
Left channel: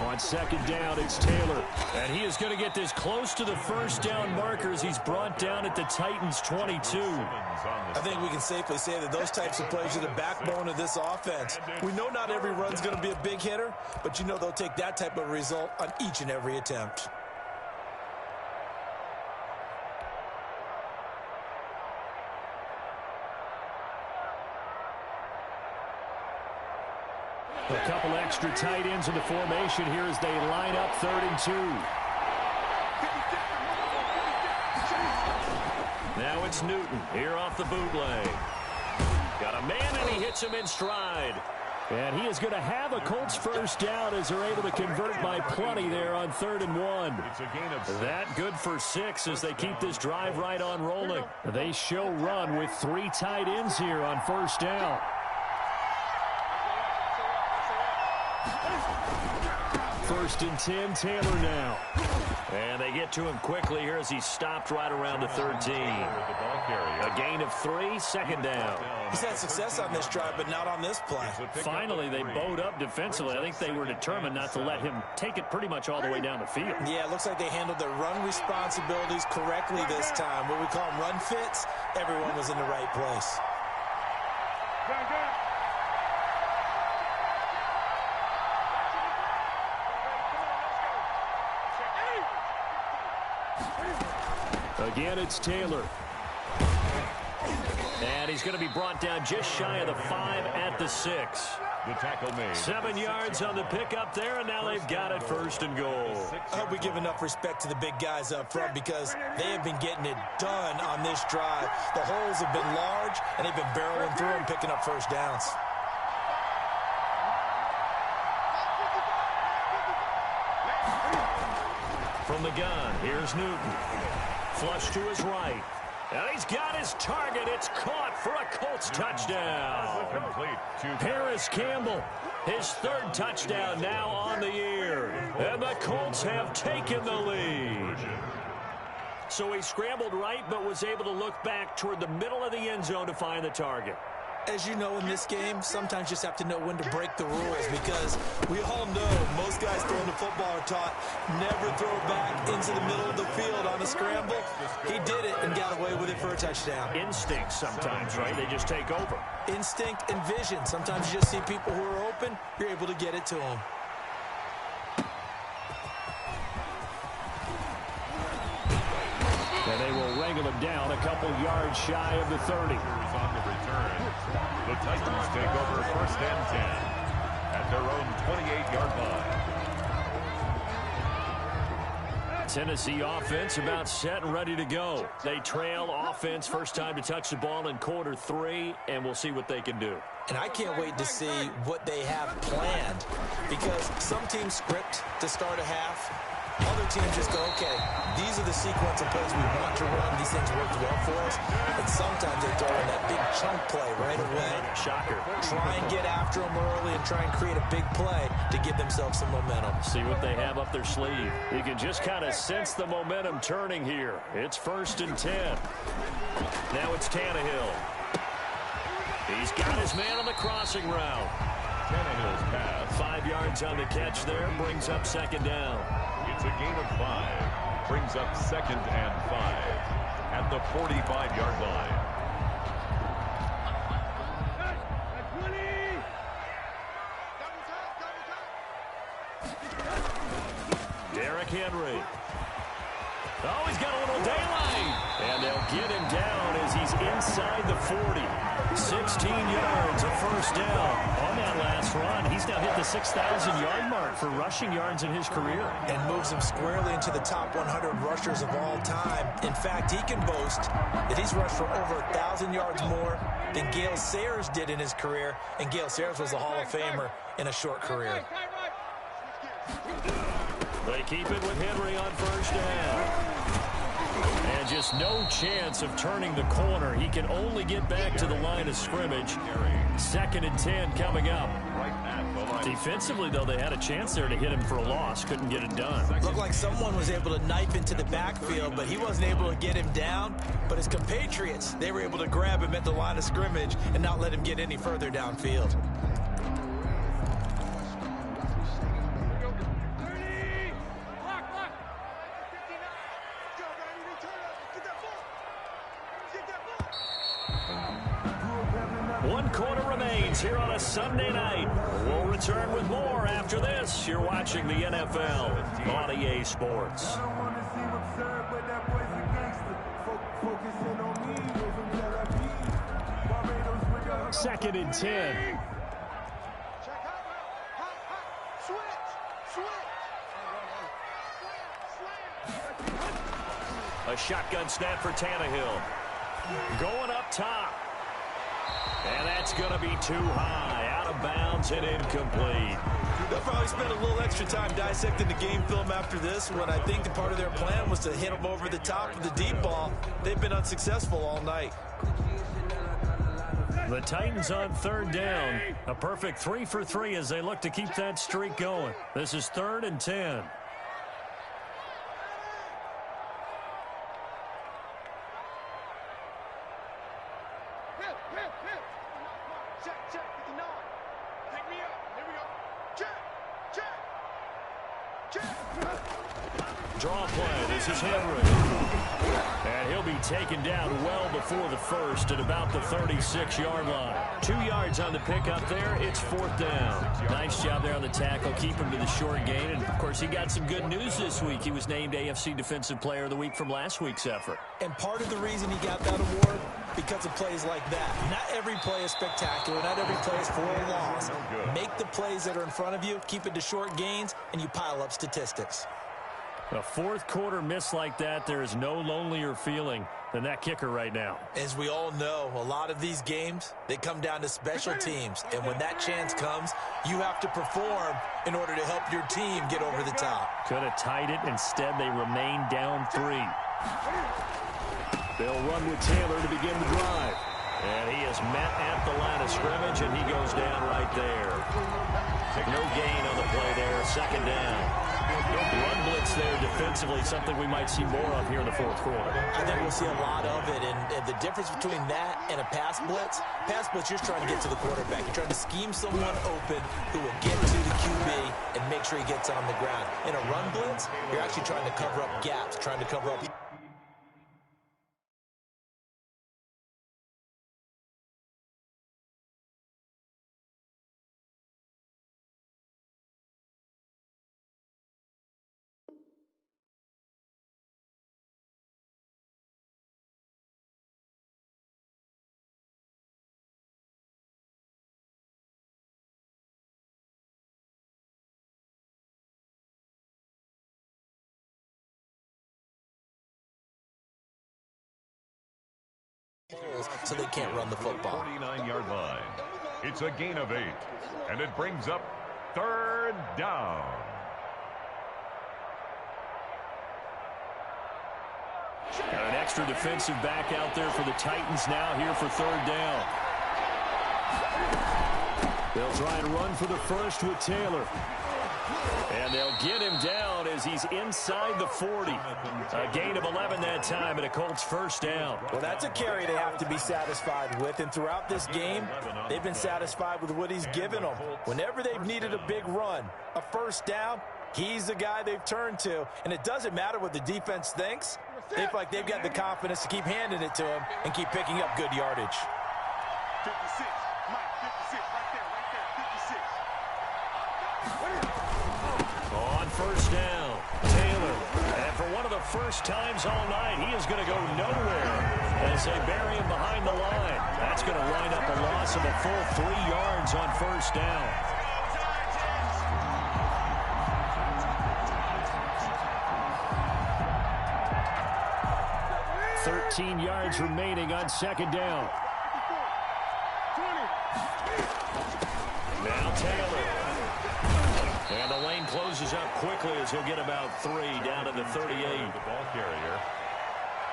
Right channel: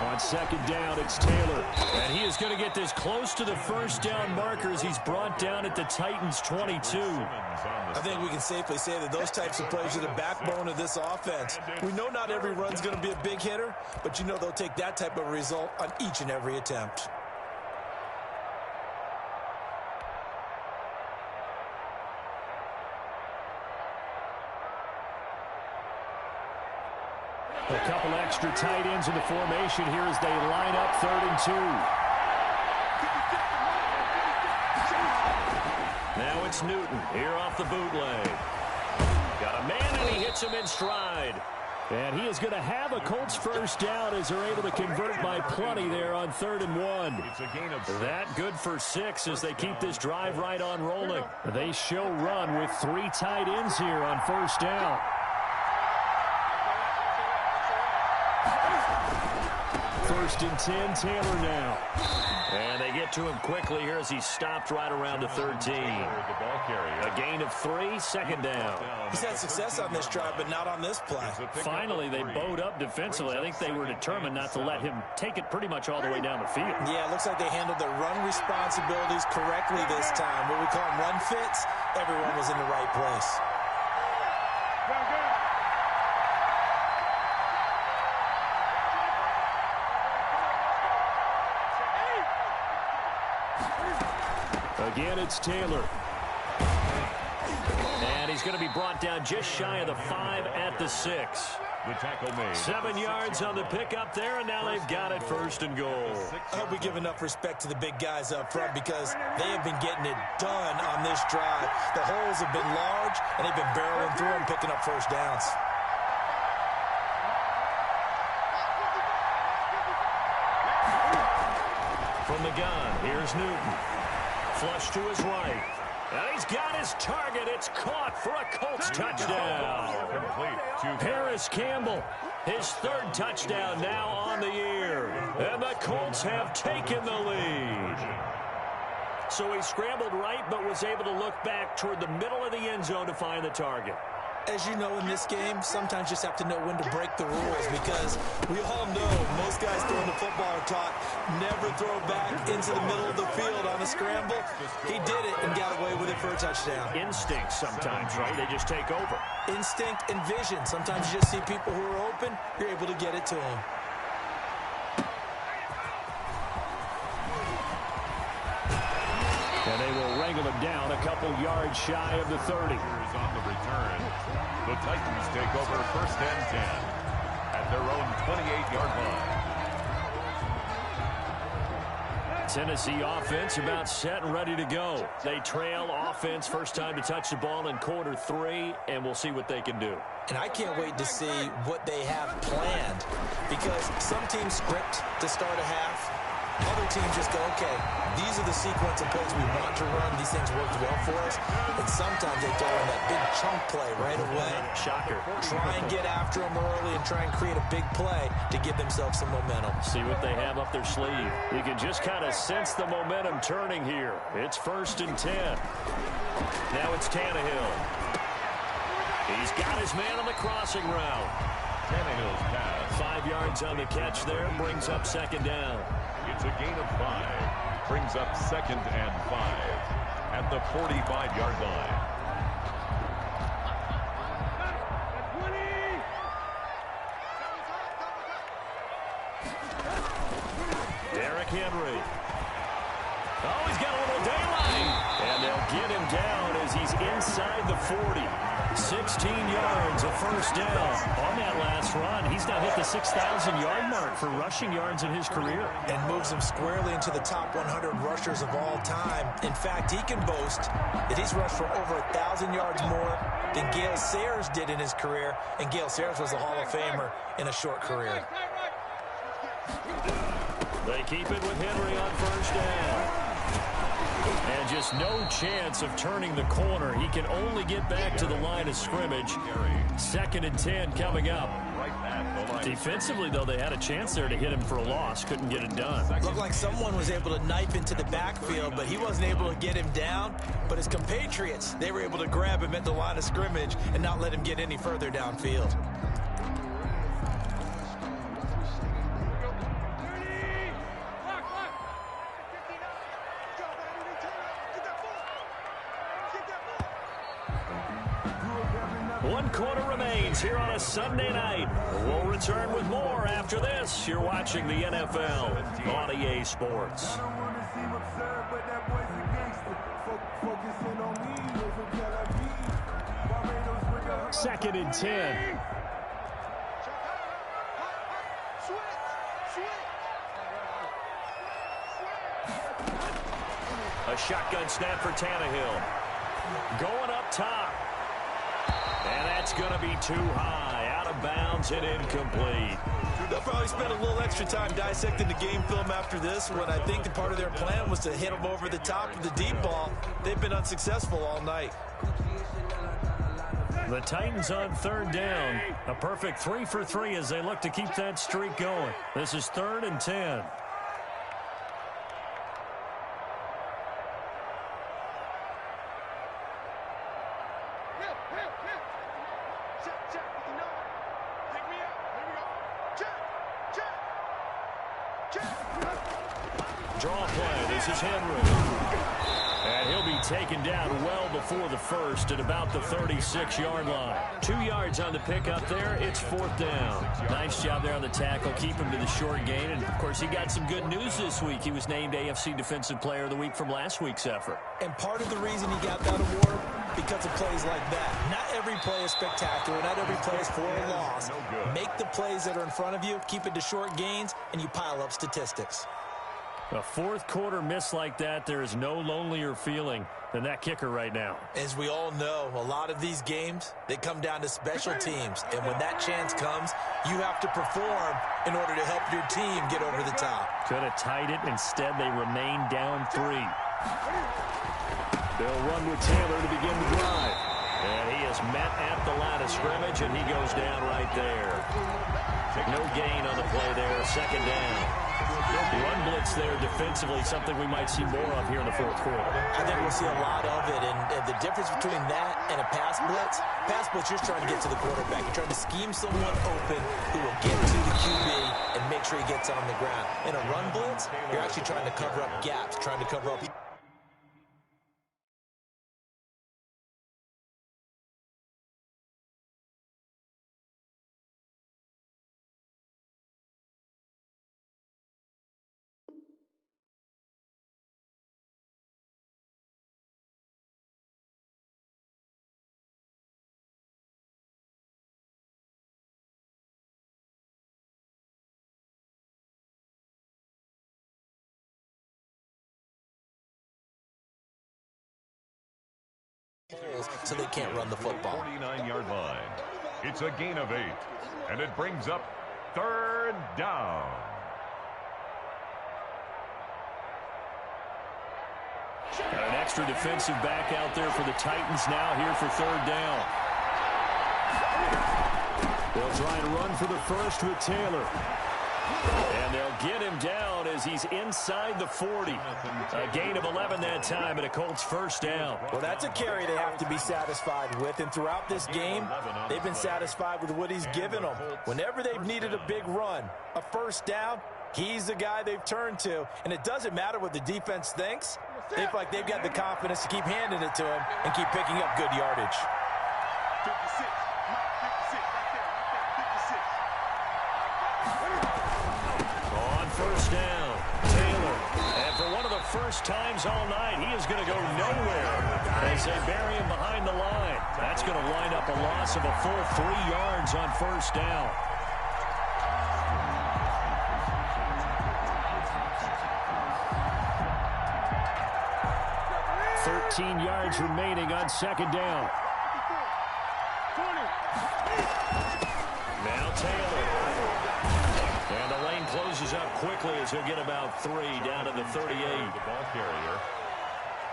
On second down, it's Taylor. And he is going to get this close to the first down markers. He's brought down at the Titans' 22. I think we can safely say that those types of plays are the backbone of this offense. We know not every run's going to be a big hitter, but you know they'll take that type of result on each and every attempt. A couple extra tight ends in the formation here as they line up 3rd and 2. Now it's Newton here off the bootleg. Got a man, and he hits him in stride. And he is going to have a Colts first down as they're able to convert by plenty there on 3rd and 1. It's a gain of That good for 6 as they keep this drive right on rolling. They show run with 3 tight ends here on first down. First and 10, Taylor now. And they get to him quickly here as he stopped right around the 13. A gain of 3, 2nd down. He's had success on this drive, but not on this play. Finally, they bowed up defensively. I think they were determined not to let him take it pretty much all the way down the field. Yeah, it looks like they handled their run responsibilities correctly this time. What we call them run fits, everyone was in the right place. Again, it's Taylor. And he's going to be brought down just shy of the 5 at the 6. the tackle made. 7 yards on the pickup there, and now they've got it 1st and goal. I hope we give enough respect to the big guys up front because they have been getting it done on this drive. The holes have been large, and they've been barreling through them, picking up first downs. From the gun, here's Newton. Flush to his right. And he's got his target. It's caught for a Colts touchdown. Complete to Paris Campbell, his 3rd touchdown now on the year. And the Colts have taken the lead. So he scrambled right, but was able to look back toward the middle of the end zone to find the target. As you know, in this game, sometimes you just have to know when to break the rules because we all know most guys throwing the football are taught never throw back into the middle of the field on a scramble. He did it and got away with it for a touchdown. Instinct sometimes, right? They just take over. Instinct and vision. Sometimes you just see people who are open, you're able to get it to them. And they will wrangle him down a couple yards shy of the 30. on the return. The Titans take over 1st and 10 at their own 28-yard line. Tennessee offense about set and ready to go. They trail offense first time to touch the ball in quarter 3, and we'll see what they can do. And I can't wait to see what they have planned because some teams script to start a half. Other teams just go, okay, these are the sequence of plays we want to run. These things worked well for us. And sometimes they throw in that big chunk play right away. Shocker. Try and get after them early and try and create a big play to give themselves some momentum. See what they have up their sleeve. You can just kind of sense the momentum turning here. It's 1st and 10. Now it's Tannehill. He's got his man on the crossing route. Tannehill's pass. 5 yards on the catch there, brings up 2nd down. It's a gain of 5. Brings up 2nd and 5 at the 45-yard line. Derrick Henry. Oh, he's got a little daylight. And they'll get him down as he's inside the 40. 16 yards, a first down on that last run. He's now hit the 6,000-yard mark for rushing yards in his career. And moves him squarely into the top 100 rushers of all time. In fact, he can boast that he's rushed for over 1,000 yards more than Gale Sayers did in his career. And Gale Sayers was a Hall of Famer in a short career. They keep it with Henry on first down. And just no chance of turning the corner. He can only get back to the line of scrimmage. 2nd and 10 coming up. Defensively, though, they had a chance there to hit him for a loss. Couldn't get it done. Looked like someone was able to knife into the backfield, but he wasn't able to get him down. But his compatriots, they were able to grab him at the line of scrimmage and not let him get any further downfield. One quarter remains here on a Sunday night. We'll return with more after this. You're watching the NFL on EA Sports. 2nd and 10. A shotgun snap for Tannehill. Going up top. And that's going to be too high. Out of bounds and incomplete. They'll probably spend a little extra time dissecting the game film after this when I think the part of their plan was to hit them over the top of the deep ball. They've been unsuccessful all night. The Titans on 3rd down. A perfect 3 for 3 as they look to keep that streak going. This is 3rd and 10. Draw play. This is Henry. And he'll be taken down well before the first at about the 36-yard line. 2 yards on the pickup there. It's 4th down. Nice job there on the tackle. Keep him to the short gain. And, of course, he got some good news this week. He was named AFC Defensive Player of the Week from last week's effort. And part of the reason he got that award, because of plays like that. Not every play is spectacular. Not every play is for a loss. Make the plays that are in front of you, keep it to short gains, and you pile up statistics. A 4th quarter miss like that, there is no lonelier feeling than that kicker right now. As we all know, a lot of these games, they come down to special teams. And when that chance comes, you have to perform in order to help your team get over the top. Could have tied it. Instead, they remain down 3. They'll run with Taylor to begin the drive. And he is met at the line of scrimmage, and he goes down right there. No gain on the play there. 2nd down. Run blitz there defensively, something we might see more of here in the 4th quarter. I think we'll see a lot of it, and the difference between that and a pass blitz, you're trying to get to the quarterback. You're trying to scheme someone open who will get to the QB and make sure he gets on the ground. In a run blitz, you're actually trying to cover up gaps, trying to cover up... so they can't run the football. 49-yard line. It's a gain of 8, and it brings up 3rd down. Got an extra defensive back out there for the Titans now here for 3rd down. They'll try and run for the first with Taylor. And they'll get him down as he's inside the 40. A gain of 11 that time, and a Colts 1st down. Well, that's a carry they have to be satisfied with. And throughout this game, they've been satisfied with what he's given them. Whenever they've needed a big run, a 1st down, he's the guy they've turned to. And it doesn't matter what the defense thinks. They feel like they've got the confidence to keep handing it to him and keep picking up good yardage. 56. Mike, 56. Right there. 56. On 1st down, Taylor. And And for one of the first times all night, he is going to go nowhere as they bury him behind the line. That's going to line up a loss of a full 3 yards on first down. 13 yards remaining on second down. Now Taylor. And the lane closes up quickly as he'll get about 3 down to the 38. The ball carrier.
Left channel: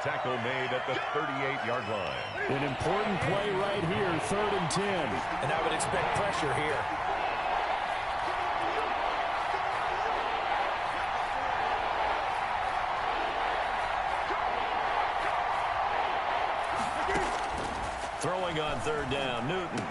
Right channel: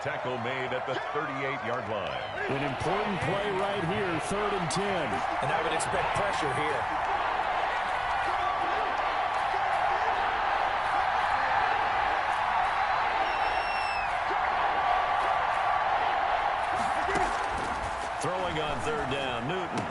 Tackle made at the 38-yard line. An important play right here, 3rd and 10. And I would expect pressure here. Throwing on 3rd down, Newton.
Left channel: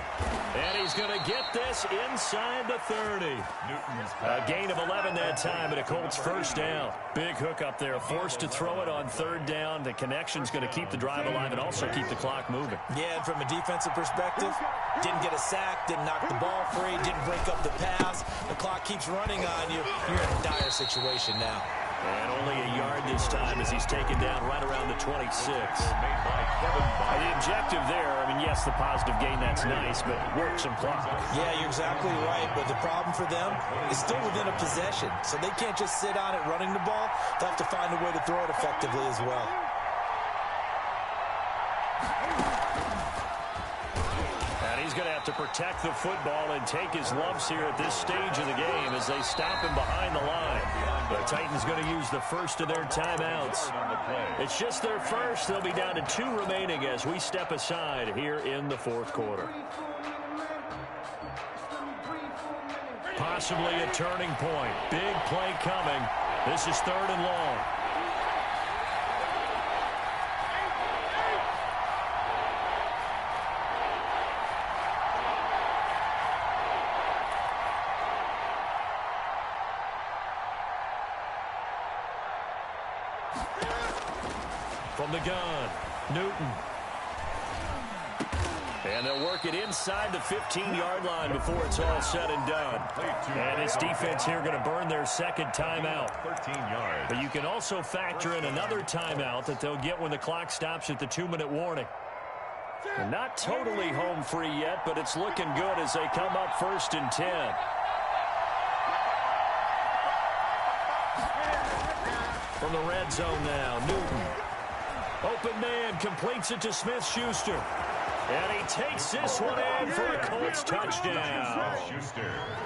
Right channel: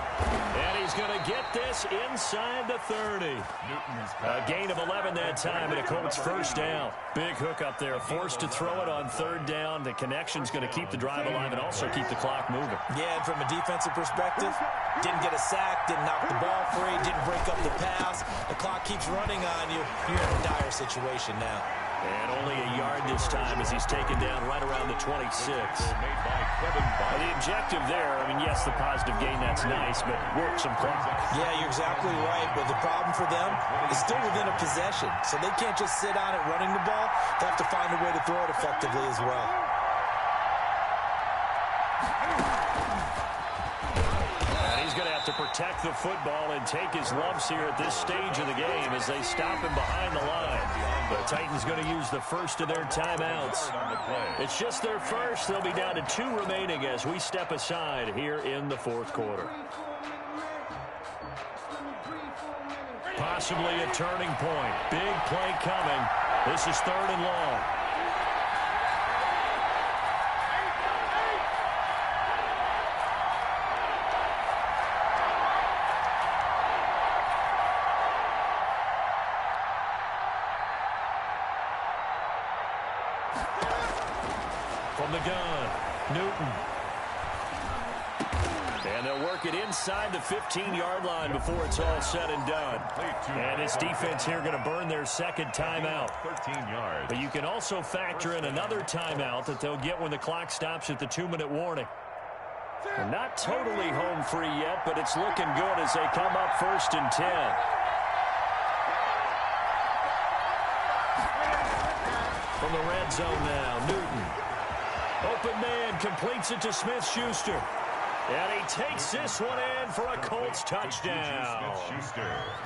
And he's going to get this inside the 30. Newton's A gain of 11 that time, and a Colts first down. Big hook up there, forced to throw it on 3rd down. The connection's going to keep the drive alive and also keep the clock moving. Yeah, and from a defensive perspective, didn't get a sack, didn't knock the ball free, didn't break up the pass. The clock keeps running on you. You're in a dire situation now. And only a yard this time as he's taken down right around the 26. made by Kevin Byard. The objective there, I mean, yes, the positive gain, that's nice, but work some clock. Yeah, you're exactly right, but the problem for them is still within a possession, so they can't just sit on it running the ball. They have to find a way to throw it effectively as well. And he's going to have to protect the football and take his lumps here at this stage of the game as they stop him behind the line. The Titans going to use the first of their timeouts. It's just their first. They'll be down to 2 remaining as we step aside here in the 4th quarter. Possibly a turning point. Big play coming. This is 3rd and long. From the gun, Newton. And they'll work it inside the 15-yard line before it's all said and done. And this defense here going to burn their second timeout. 13 yards. But you can also factor in another timeout that they'll get when the clock stops at the 2-minute warning. They're not totally home free yet, but it's looking good as they come up 1st and 10. From the red zone now, Newton. Open man, completes it to Smith-Schuster. And he takes this one in for a Colts touchdown.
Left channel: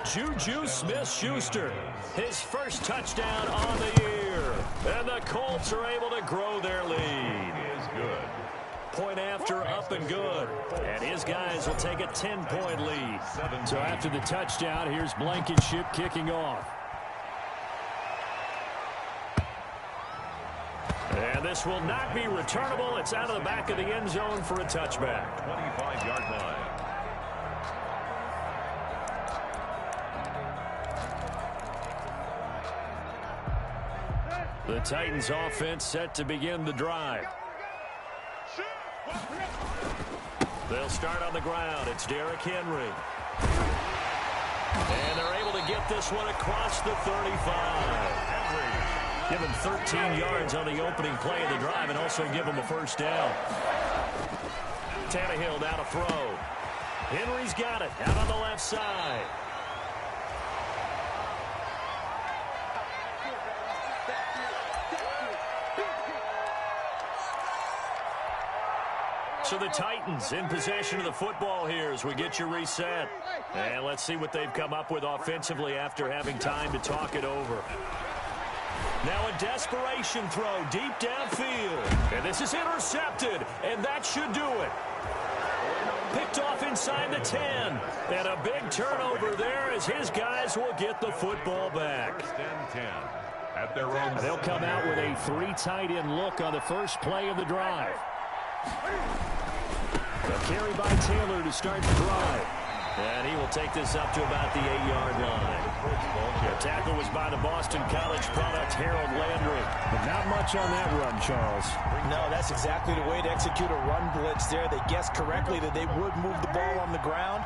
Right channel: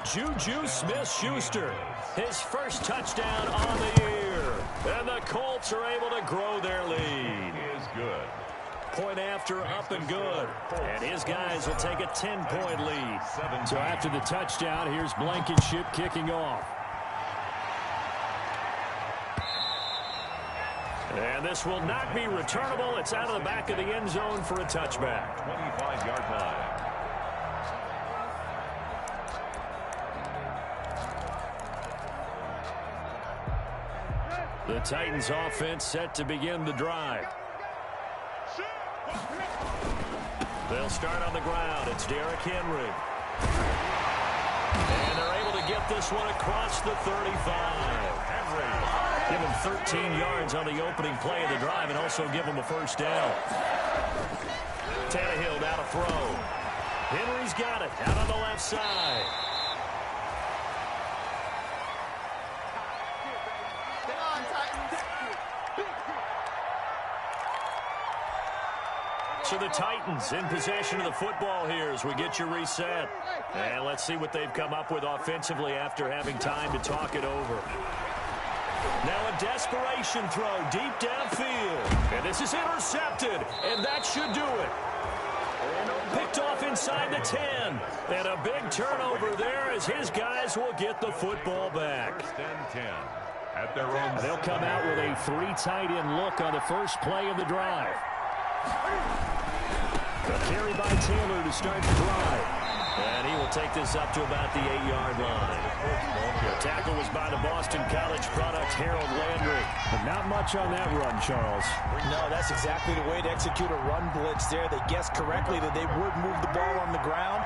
Juju Smith-Schuster, his first touchdown on the year. And the Colts are able to grow their lead. Is good. Point after, up and good. And his guys will take a 10-point lead. So after the touchdown, here's Blankenship kicking off. And this will not be returnable. It's out of the back of the end zone for a touchback. 25-yard line. The Titans offense set to begin the drive. They'll start on the ground. It's Derrick Henry. And they're able to get this one across the 35. Henry. Give him 13 yards on the opening play of the drive and also give him a first down. Tannehill down to throw. Henry's got it out on the left side. So the Titans in possession of the football here as we get you reset. And let's see what they've come up with offensively after having time to talk it over. Now a desperation throw deep downfield. And this is intercepted. And that should do it. Picked off inside the 10. And a big turnover there as his guys will get the football back. 1st and 10. At their own. They'll come out with a 3 tight end look on the first play of the drive. A carry by Taylor to start the drive. And he will take this up to about the 8-yard line. The tackle was by the Boston College product, Harold Landry. But not much on that run, Charles. No, that's exactly the way to execute a run blitz there. They guessed correctly that they would move the ball on the ground,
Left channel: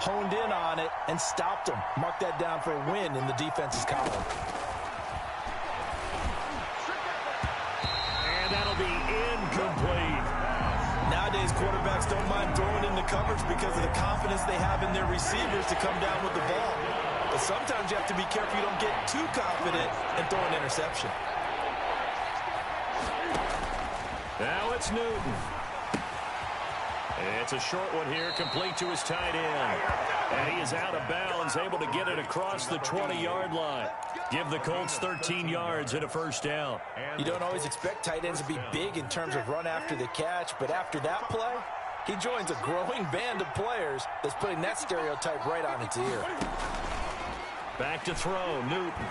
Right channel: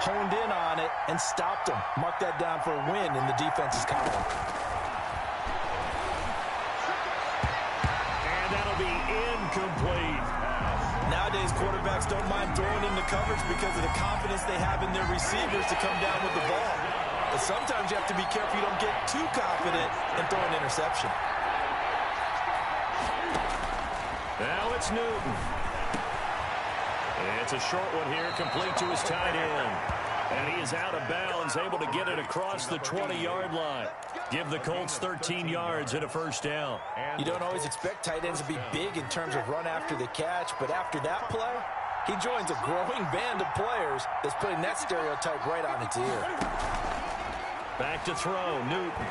honed in on it, and stopped them. Mark that down for a win in the defense's column. incomplete. Nowadays, quarterbacks don't mind throwing into coverage because of the confidence they have in their receivers to come down with the ball. But sometimes you have to be careful you don't get too confident and throw an interception. Now it's Newton. It's a short one here, complete to his tight end. And he is out of bounds, able to get it across the 20-yard line. Give the Colts 13 yards and a first down. You don't always expect tight ends to be big in terms of run after the catch, but after that play, he joins a growing band of players that's putting that stereotype right on its ear. Back to throw, Newton.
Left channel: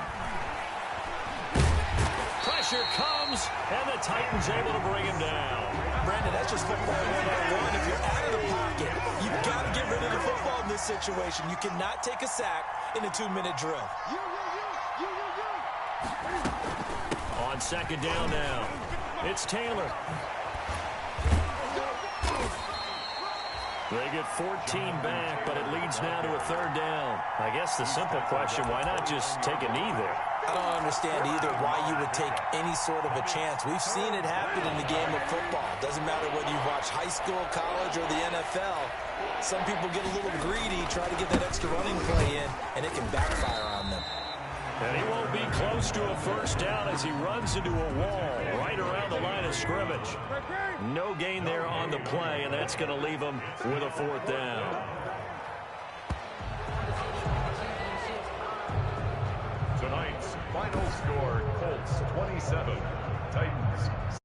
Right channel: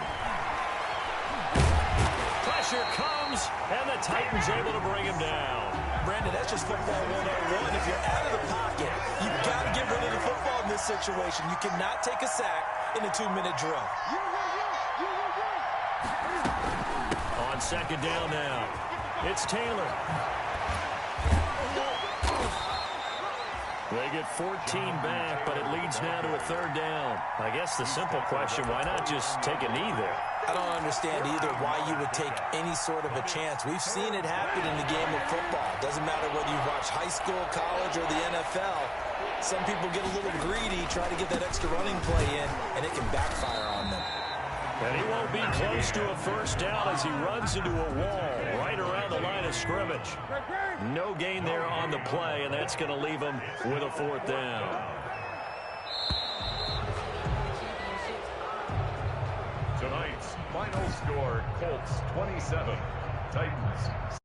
Pressure comes, and the Titans able to bring him down. Brandon, that's just football 101. If you're out of the pocket, you've got to get rid of the football in this situation. You cannot take a sack in a 2-minute drill. On second down now, it's Taylor. They get 14 back, but it leads now to a third down. I guess the simple question, why not just take a knee there? I don't understand either why you would take any sort of a chance. We've seen it happen in the game of football. Doesn't matter whether you watch high school, college, or the NFL. Some people get a little greedy, try to get that extra running play in, and it can backfire on them. And he won't be close to a first down as he runs into a wall right around the line of scrimmage. No gain there on the play, and that's going to leave him with a fourth down. Tonight's final score, Colts 27, Titans